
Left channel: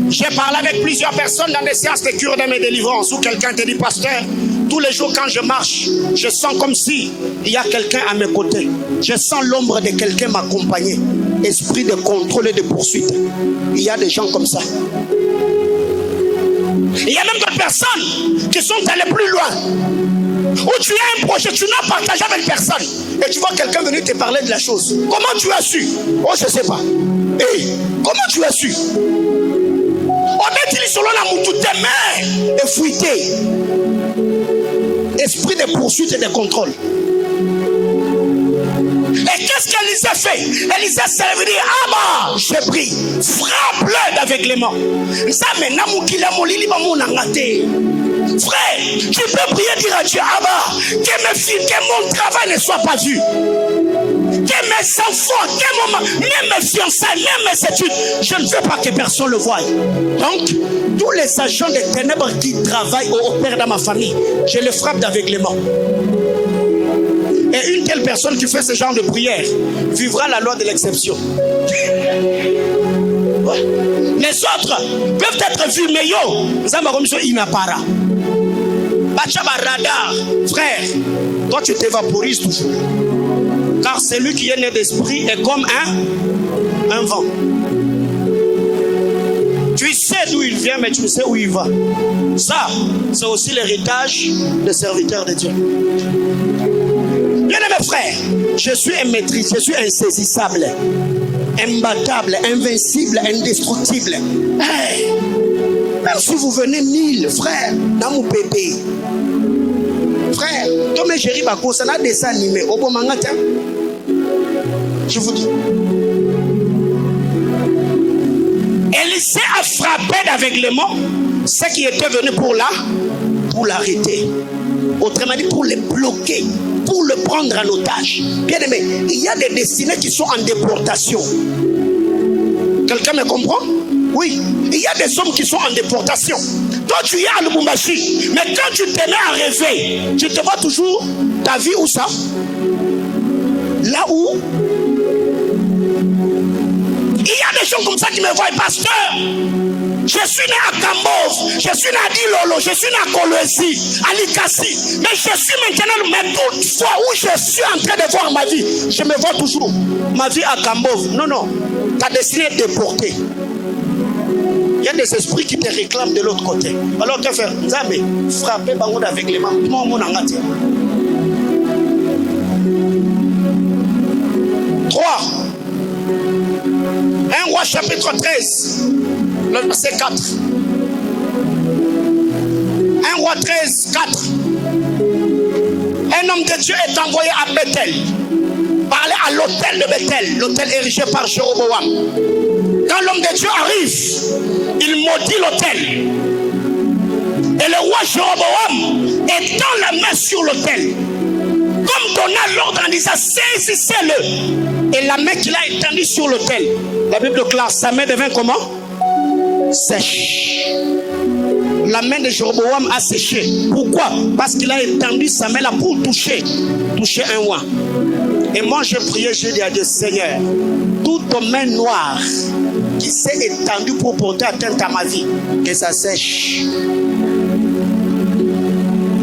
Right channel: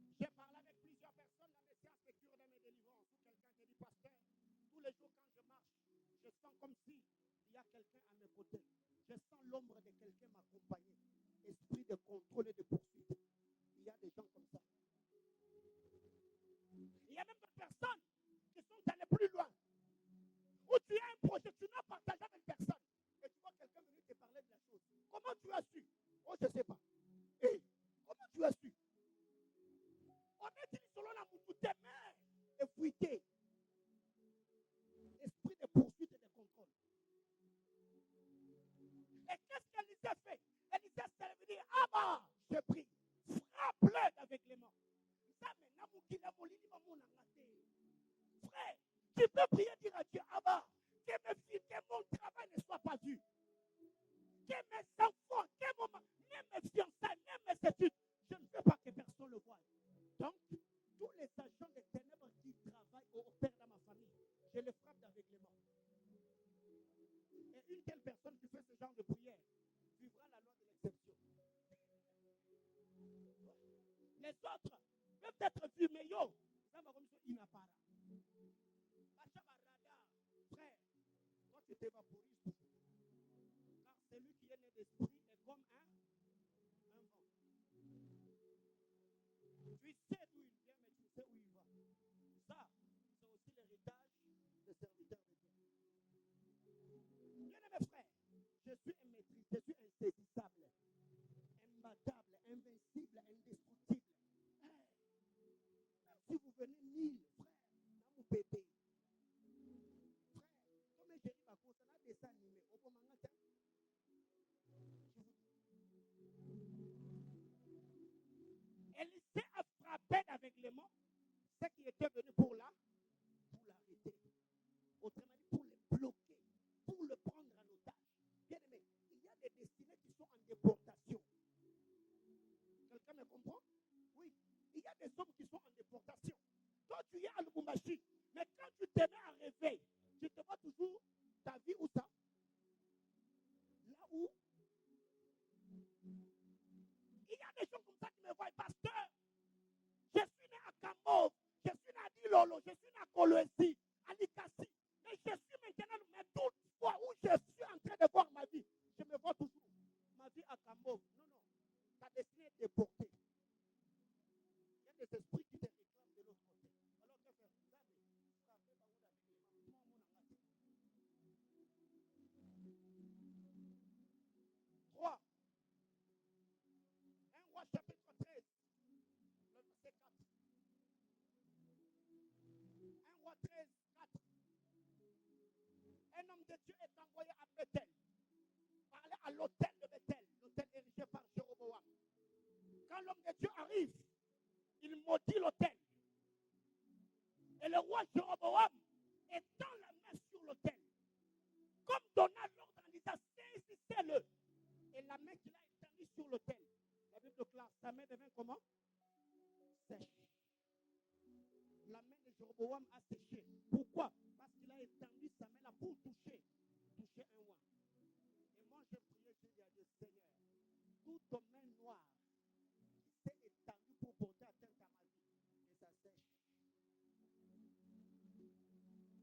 j'ai parlé avec plusieurs personnes dans des séances de cure de mes délivrances où quelqu'un te dit: pasteur, tous les jours quand je marche, je sens comme si il y a quelqu'un à mes côtés. Je sens l'ombre de quelqu'un m'accompagner. Esprit de contrôle et de poursuite. Il y a des gens comme ça. Il y a même d'autres personnes qui sont allées plus loin. Où tu as un projet, tu n'as partagé avec personne. Et tu vois quelqu'un venir te parler de la chose. Comment tu as su? Oh, je ne sais pas. Hey, comment tu as su? On est selon la moutou, tes mains et fuité. Esprit de poursuite et de contrôle. Et qu'est-ce qu'Élisée fait? Élisée s'est levé et dit: Abba, j'ai pris, frappe-le d'aveuglement. Ça maintenant, frère, tu peux prier, dire à Dieu: Abba, que mon travail ne soit pas vu. Que mes enfants, même mes fiançailles, même mes études, je ne veux pas que personne le voie. Donc, tous les agents des ténèbres qui travaillent ou opèrent dans ma famille, je les frappe d'aveuglement. Et une telle personne qui fait ce genre de prière vivra la loi de l'exception. Les autres peuvent être vus, mais yo, radar, frère, toi tu t'évaporises toujours. Car celui qui est né d'esprit est comme un vent. Tu sais d'où il vient, mais tu sais où il va. Ça, c'est aussi l'héritage des serviteurs de Dieu. Bien-aimés frères, je suis un maîtrise, je suis insaisissable, imbattable, invincible, indestructible. Hey, même si vous venez 1000 frères dans mon bébé, frère, Tomé Jerry Bako, ça n'a pas dessin animé. Au bon moment, je vous dis. Élisée a frappé d'aveuglement ceux qui étaient venus pour l'arrêter. Autrement dit, pour le bloquer, pour le prendre en otage. Bien aimé, il y a des destinés qui sont en déportation. Quelqu'un me comprend? Oui, il y a des hommes qui sont en déportation. Toi, tu es à Lubumbashi, mais quand tu te mets à rêver, tu te vois toujours ta vie où ça? Là où? Il y a des gens comme ça qui me voient, pasteur. Je suis né à Kambov, je suis né à Dilolo, je suis né à Kolwezi, à Likasi. Mais je suis maintenant, mais toutefois où je suis en train de voir ma vie, je me vois toujours ma vie à Kambov. Non, non, ta destinée est déportée. Il y a des esprits qui te réclament de l'autre côté. Alors que faire? Nzambe, frapper bango d'aveuglement. Moi, mon angati. 3. 1 Roi chapitre 13, le verset 4. 1 Roi 13, 4. Un homme de Dieu est envoyé à Bethel, parler à l'autel de Bethel, l'autel érigé par Jéroboam. Quand l'homme de Dieu arrive, il maudit l'autel. Et le roi Jéroboam étend la main sur l'autel, comme donna l'ordre en disant saisissez-le. Et la main qu'il a étendue sur l'autel, la Bible déclare, sa main devint comment? Sèche. La main de Jéroboam a séché. Pourquoi? Parce qu'il a étendu sa main là pour toucher un roi. Et moi j'ai prié, j'ai dit à Dieu, Seigneur, toute main noire qui s'est étendue pour porter atteinte à ma vie, que ça sèche.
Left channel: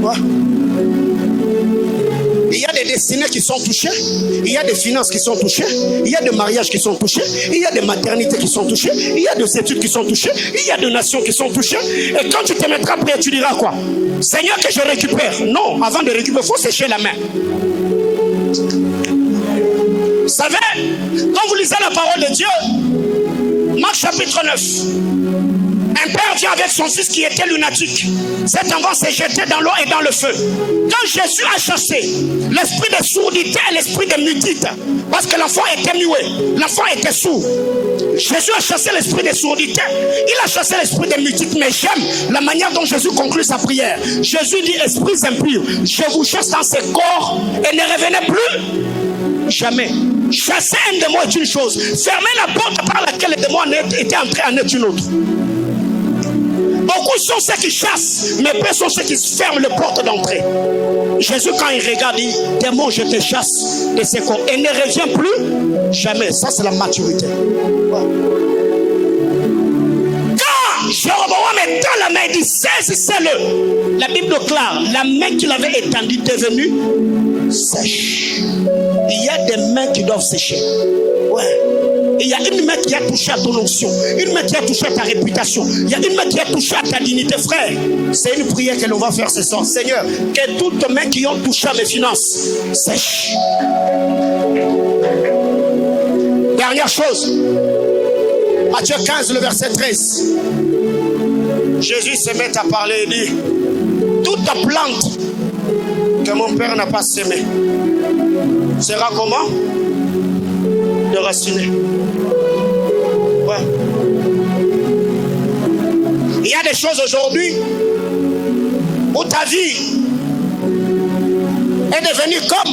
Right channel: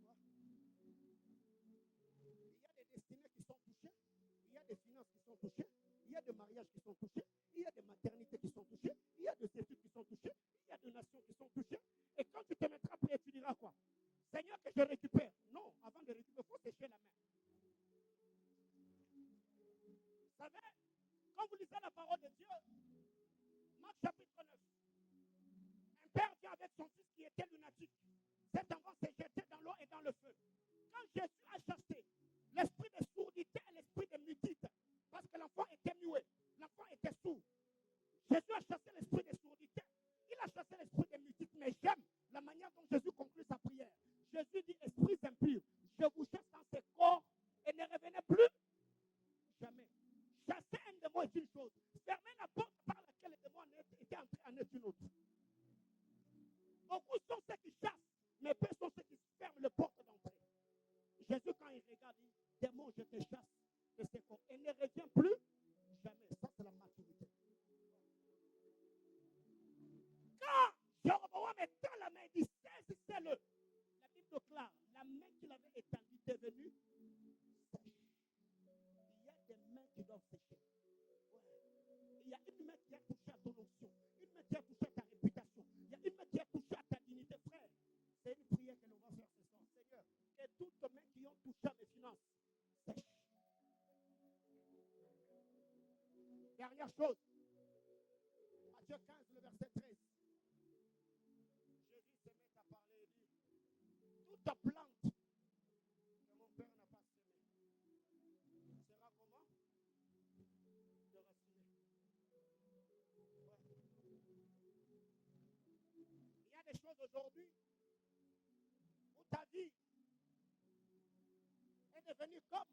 Quoi? Il y a des destinées qui sont touchées, il y a des finances qui sont touchées, il y a des mariages qui sont touchés, il y a des maternités qui sont touchées, il y a des études qui sont touchées, il y a des nations qui sont touchées. Et quand tu te mettras prêt, tu diras quoi? Seigneur, que je récupère. Non, avant de récupérer, il faut sécher la main. Vous savez, quand vous lisez la parole de Dieu, Marc chapitre 9, un père vient avec son fils qui était lunatique. Cet enfant s'est jeté dans l'eau et dans le feu. Quand Jésus a chassé l'esprit de sourdité et l'esprit de mutite, parce que l'enfant était muet, l'enfant était sourd. Jésus a chassé l'esprit de sourdité, il a chassé l'esprit de mutite. Mais j'aime la manière dont Jésus conclut sa prière. Jésus dit, esprits impurs, je vous chasse dans ce corps et ne revenez plus jamais. Chasser un démon est une chose, fermer la porte par laquelle le démon était entré en est une autre. Beaucoup sont ceux qui chassent, mais peu sont ceux qui ferment les portes d'entrée. Jésus, quand il regarde, il dit, démon, je te chasse de ce corps et ne reviens plus jamais. Ça, c'est la maturité. Quand Jéroboam étend la main, il dit, saisissez-le. La Bible déclare, la main qu'il avait étendue est devenue sèche. Il y a des mains qui doivent sécher. Ouais. Il y a une main qui a touché à ton onction, une main qui a touché à ta réputation, il y a une main qui a touché à ta dignité, frère. C'est une prière que l'on va faire ce soir. Seigneur, que toutes les mains qui ont touché à mes finances sèchent. Dernière chose, Matthieu 15, le verset 13. Jésus se met à parler et dit, toute plante que mon père n'a pas semée sera comment? Déracinée. Ouais. Il y a des choses aujourd'hui où ta vie est devenue comme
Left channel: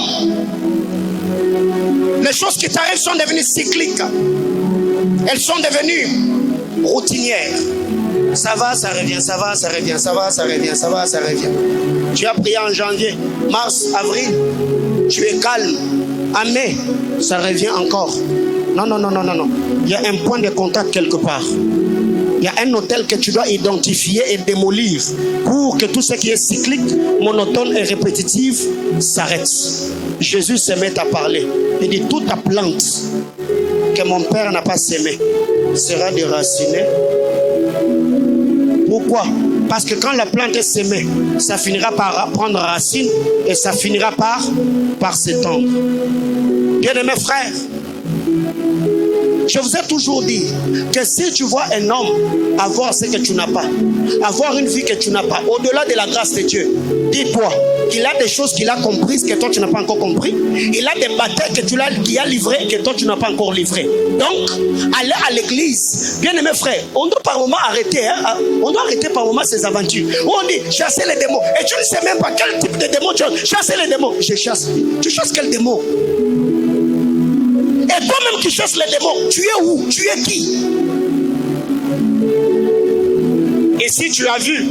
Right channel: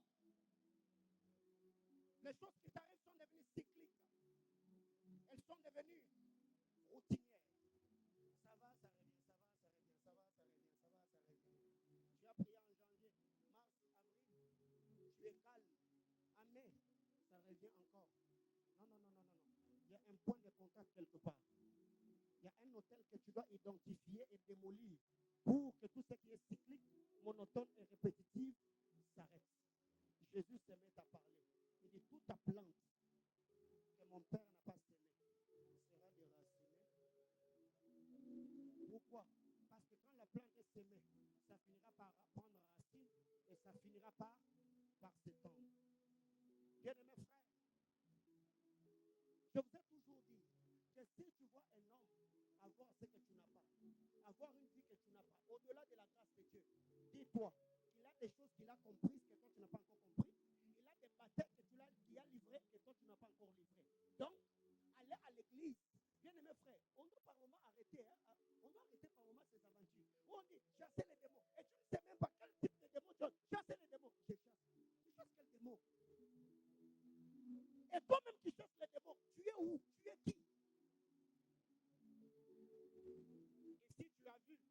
les choses qui t'arrivent sont devenues cycliques. Elles sont devenues routinières. Ça va, ça revient, ça va, ça revient, ça va, ça revient, ça va, ça revient. Tu as prié en janvier, mars, avril, tu es calme. En mai, ça revient encore. Non, non, non, non, non, non. Il y a un point de contact quelque part. Il y a un hôtel que tu dois identifier et démolir pour que tout ce qui est cyclique, monotone et répétitif s'arrête. Jésus se met à parler. Il dit, toute ta plante que mon père n'a pas sémée sera déracinée. Pourquoi? Parce que quand la plante est semée, ça finira par prendre racine et ça finira par s'étendre. Bien-aimés frères, je vous ai toujours dit que si tu vois un homme avoir ce que tu n'as pas, avoir une vie que tu n'as pas, au-delà de la grâce de Dieu, dis-toi qu'il a des choses qu'il a comprises que toi tu n'as pas encore compris. Il a des batailles qu'il a livrées que toi tu n'as pas encore livrées. Donc, aller à l'église, bien aimé frère, on doit par moment arrêter, on doit arrêter par moment ces aventures. Où on dit chasser les démons. Et tu ne sais même pas quel type de démon tu as. Chasser les démons. Je chasse. Tu chasses quel démon? Et toi-même qui chasses les démons, tu es où? Tu es qui? Et si tu as vu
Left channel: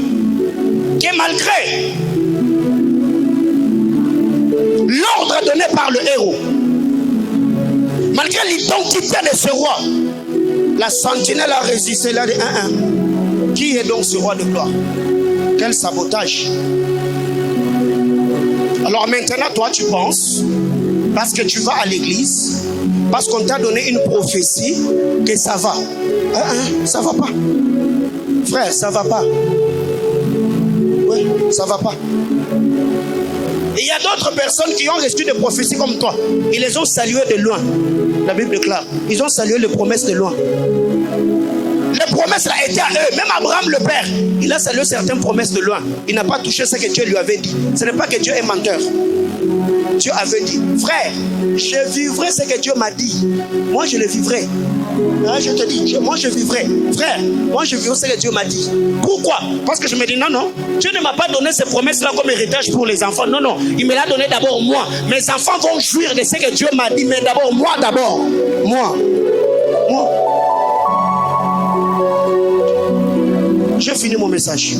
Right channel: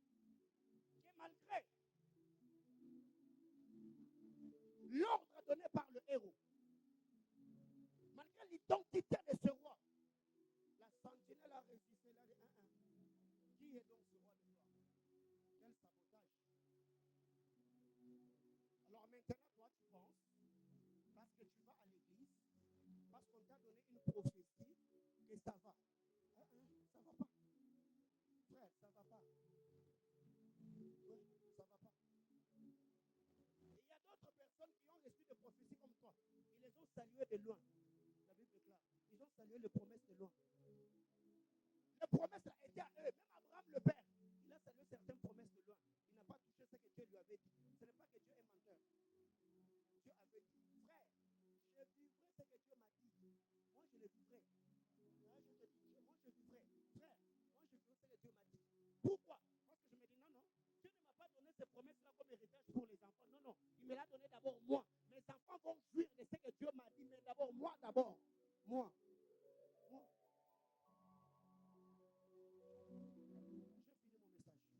que malgré l'ordre donné par le héros, malgré l'identité de ce roi, la sentinelle a résisté. Elle a dit, qui est donc ce roi de gloire? Quel sabotage! Alors maintenant, toi, tu penses, parce que tu vas à l'église, parce qu'on t'a donné une prophétie, que ça va. Ça va pas. Frère, ça va pas. Oui, ça va pas. Et il y a d'autres personnes qui ont reçu des prophéties comme toi. Ils les ont saluées de loin. La Bible déclare. Ils ont salué les promesses de loin. Les promesses étaient à eux. Même Abraham le père, il a salué certaines promesses de loin. Il n'a pas touché ce que Dieu lui avait dit. Ce n'est pas que Dieu est menteur. Dieu avait dit, frère, je vivrai ce que Dieu m'a dit. Moi, je le vivrai. Je te dis, moi je vivrai. Frère, moi je vivrai ce que Dieu m'a dit. Pourquoi? Parce que je me dis, non, Dieu ne m'a pas donné ces promesses-là comme héritage pour les enfants. Non, il me l'a donné d'abord moi. Mes enfants vont jouir de ce que Dieu m'a dit, mais d'abord moi. Moi. J'ai fini mon message.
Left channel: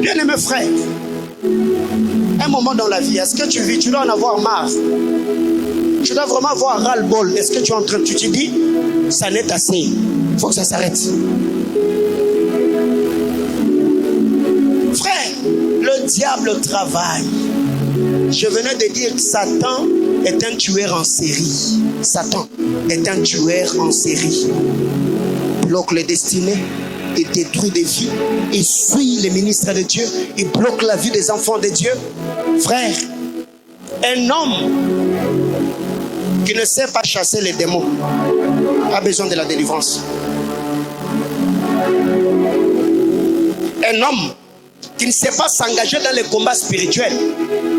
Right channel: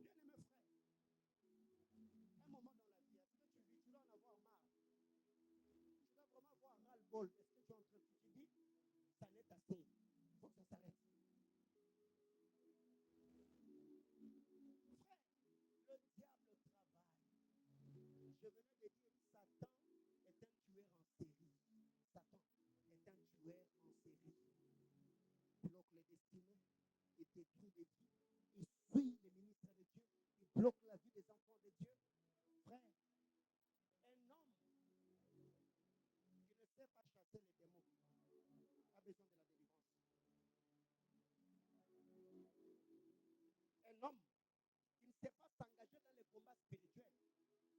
Bien-aimé frère, un moment dans la vie, est-ce que tu vis, tu dois en avoir marre. Tu dois vraiment avoir ras-le-bol. Est-ce que tu es en train de, tu te dis, ça n'est assez, il faut que ça s'arrête. Frère, le diable travaille. Je venais de dire que Satan est un tueur en série. Satan est un tueur en série. Bloque les destinées. Il détruit des vies, il suit les ministres de Dieu, il bloque la vie des enfants de Dieu. Frère, un homme qui ne sait pas chasser les démons a besoin de la délivrance. Un homme qui ne sait pas s'engager dans les combats spirituels,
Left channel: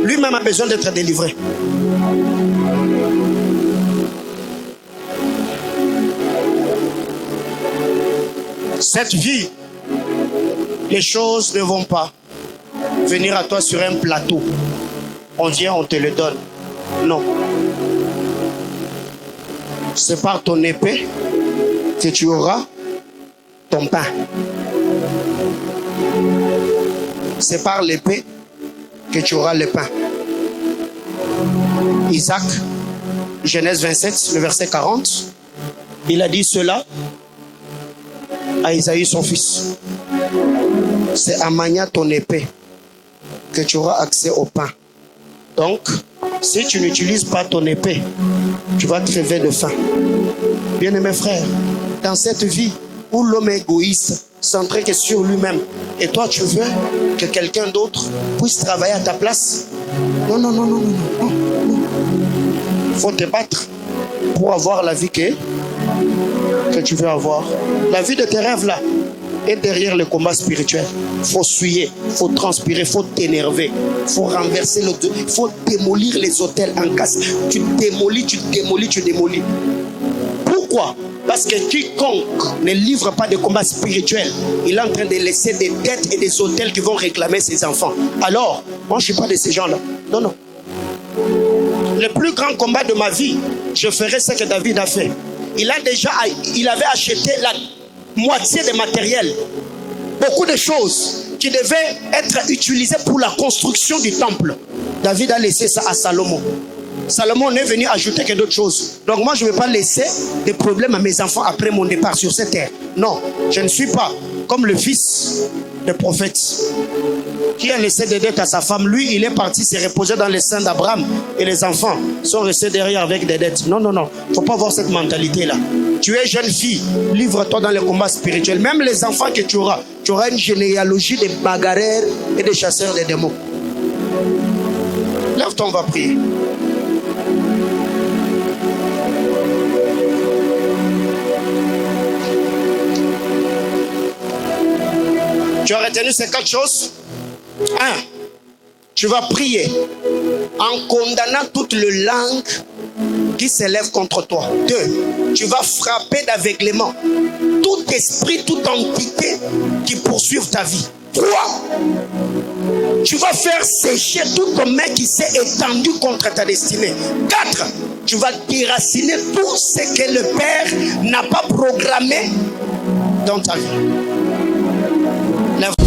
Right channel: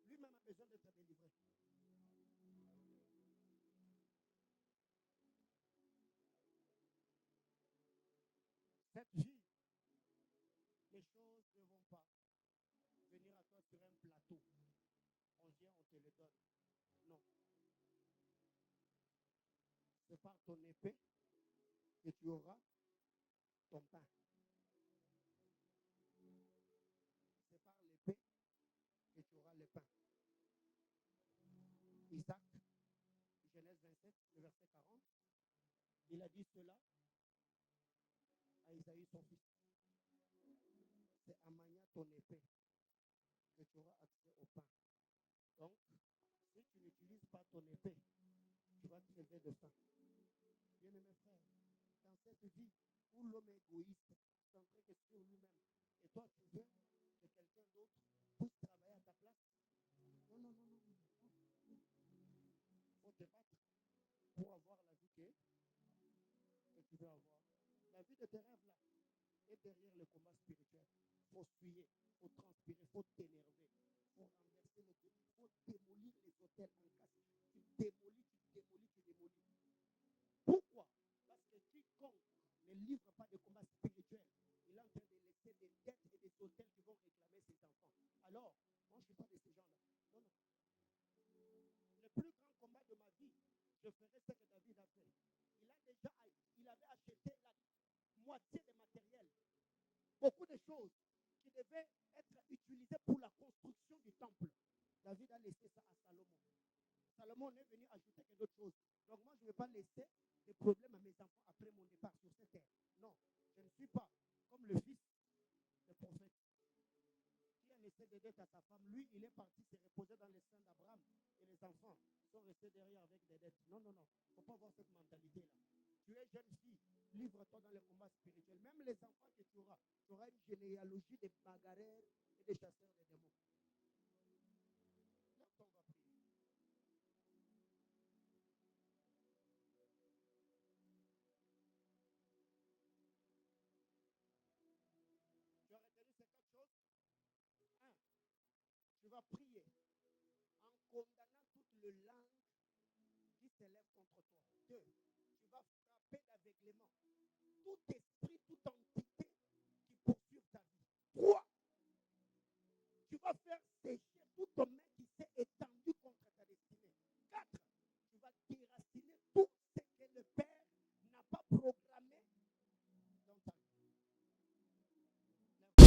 lui-même a besoin d'être délivré. Cette vie, les choses ne vont pas venir à toi sur un plateau. On vient, on te le donne. Non. C'est par ton épée que tu auras ton pain. C'est par l'épée que tu auras le pain. Isaac, Genèse 27, le verset 40, il a dit cela à Isaïe son fils. C'est à manier ton épée que tu auras accès au pain. Donc, si tu n'utilises pas ton épée, tu vas crever de faim. Bien-aimés frères, dans cette vie où l'homme est égoïste, centré que sur lui-même, et toi tu veux que quelqu'un d'autre puisse travailler à ta place, non. Il faut te battre pour avoir la vie que tu veux avoir. La vie de tes rêves là est derrière le combat spirituel. Il faut suer, il faut transpirer, il faut t'énerver, il faut renverser il faut démolir les autels en casse. Tu démolis. Pourquoi? Parce que quiconque ne livre pas de combat spirituel, il est en train de laisser des dettes et des autels qui vont réclamer ses enfants. Alors, moi je ne suis pas de ces gens-là. Non. Le plus grand combat de ma vie, je ferai ce que David a fait. Il avait acheté la moitié des matériels, beaucoup de choses qui devaient être utilisées pour la construction du temple. David a laissé ça à Salomon. Salomon est venu ajouter que d'autres choses. Donc moi je ne vais pas laisser des problèmes à mes enfants après mon départ sur cette terre. Non, je ne suis pas comme le fils des prophètes. qui a laissé des dettes à sa femme, lui, il est parti se reposer dans les seins d'Abraham et les enfants sont restés derrière avec des dettes. Non, non, non. Il ne faut pas avoir cette mentalité-là. Tu es jeune fille, livre-toi dans les combats spirituels. Même les enfants que tu auras une généalogie de bagarreurs et de chasseurs de démons. Lève-toi, on va prier. Tu as retenu ces 4 choses? 1. Tu vas prier en condamnant toute le langue qui s'élève contre toi. 2. Tu vas frapper d'aveuglement tout esprit, toute entité qui poursuive ta vie. 3. Tu vas faire sécher toute main qui s'est étendue contre ta destinée. 4. Tu vas déraciner tout ce que le Père n'a pas programmé dans ta vie. Lève-toi.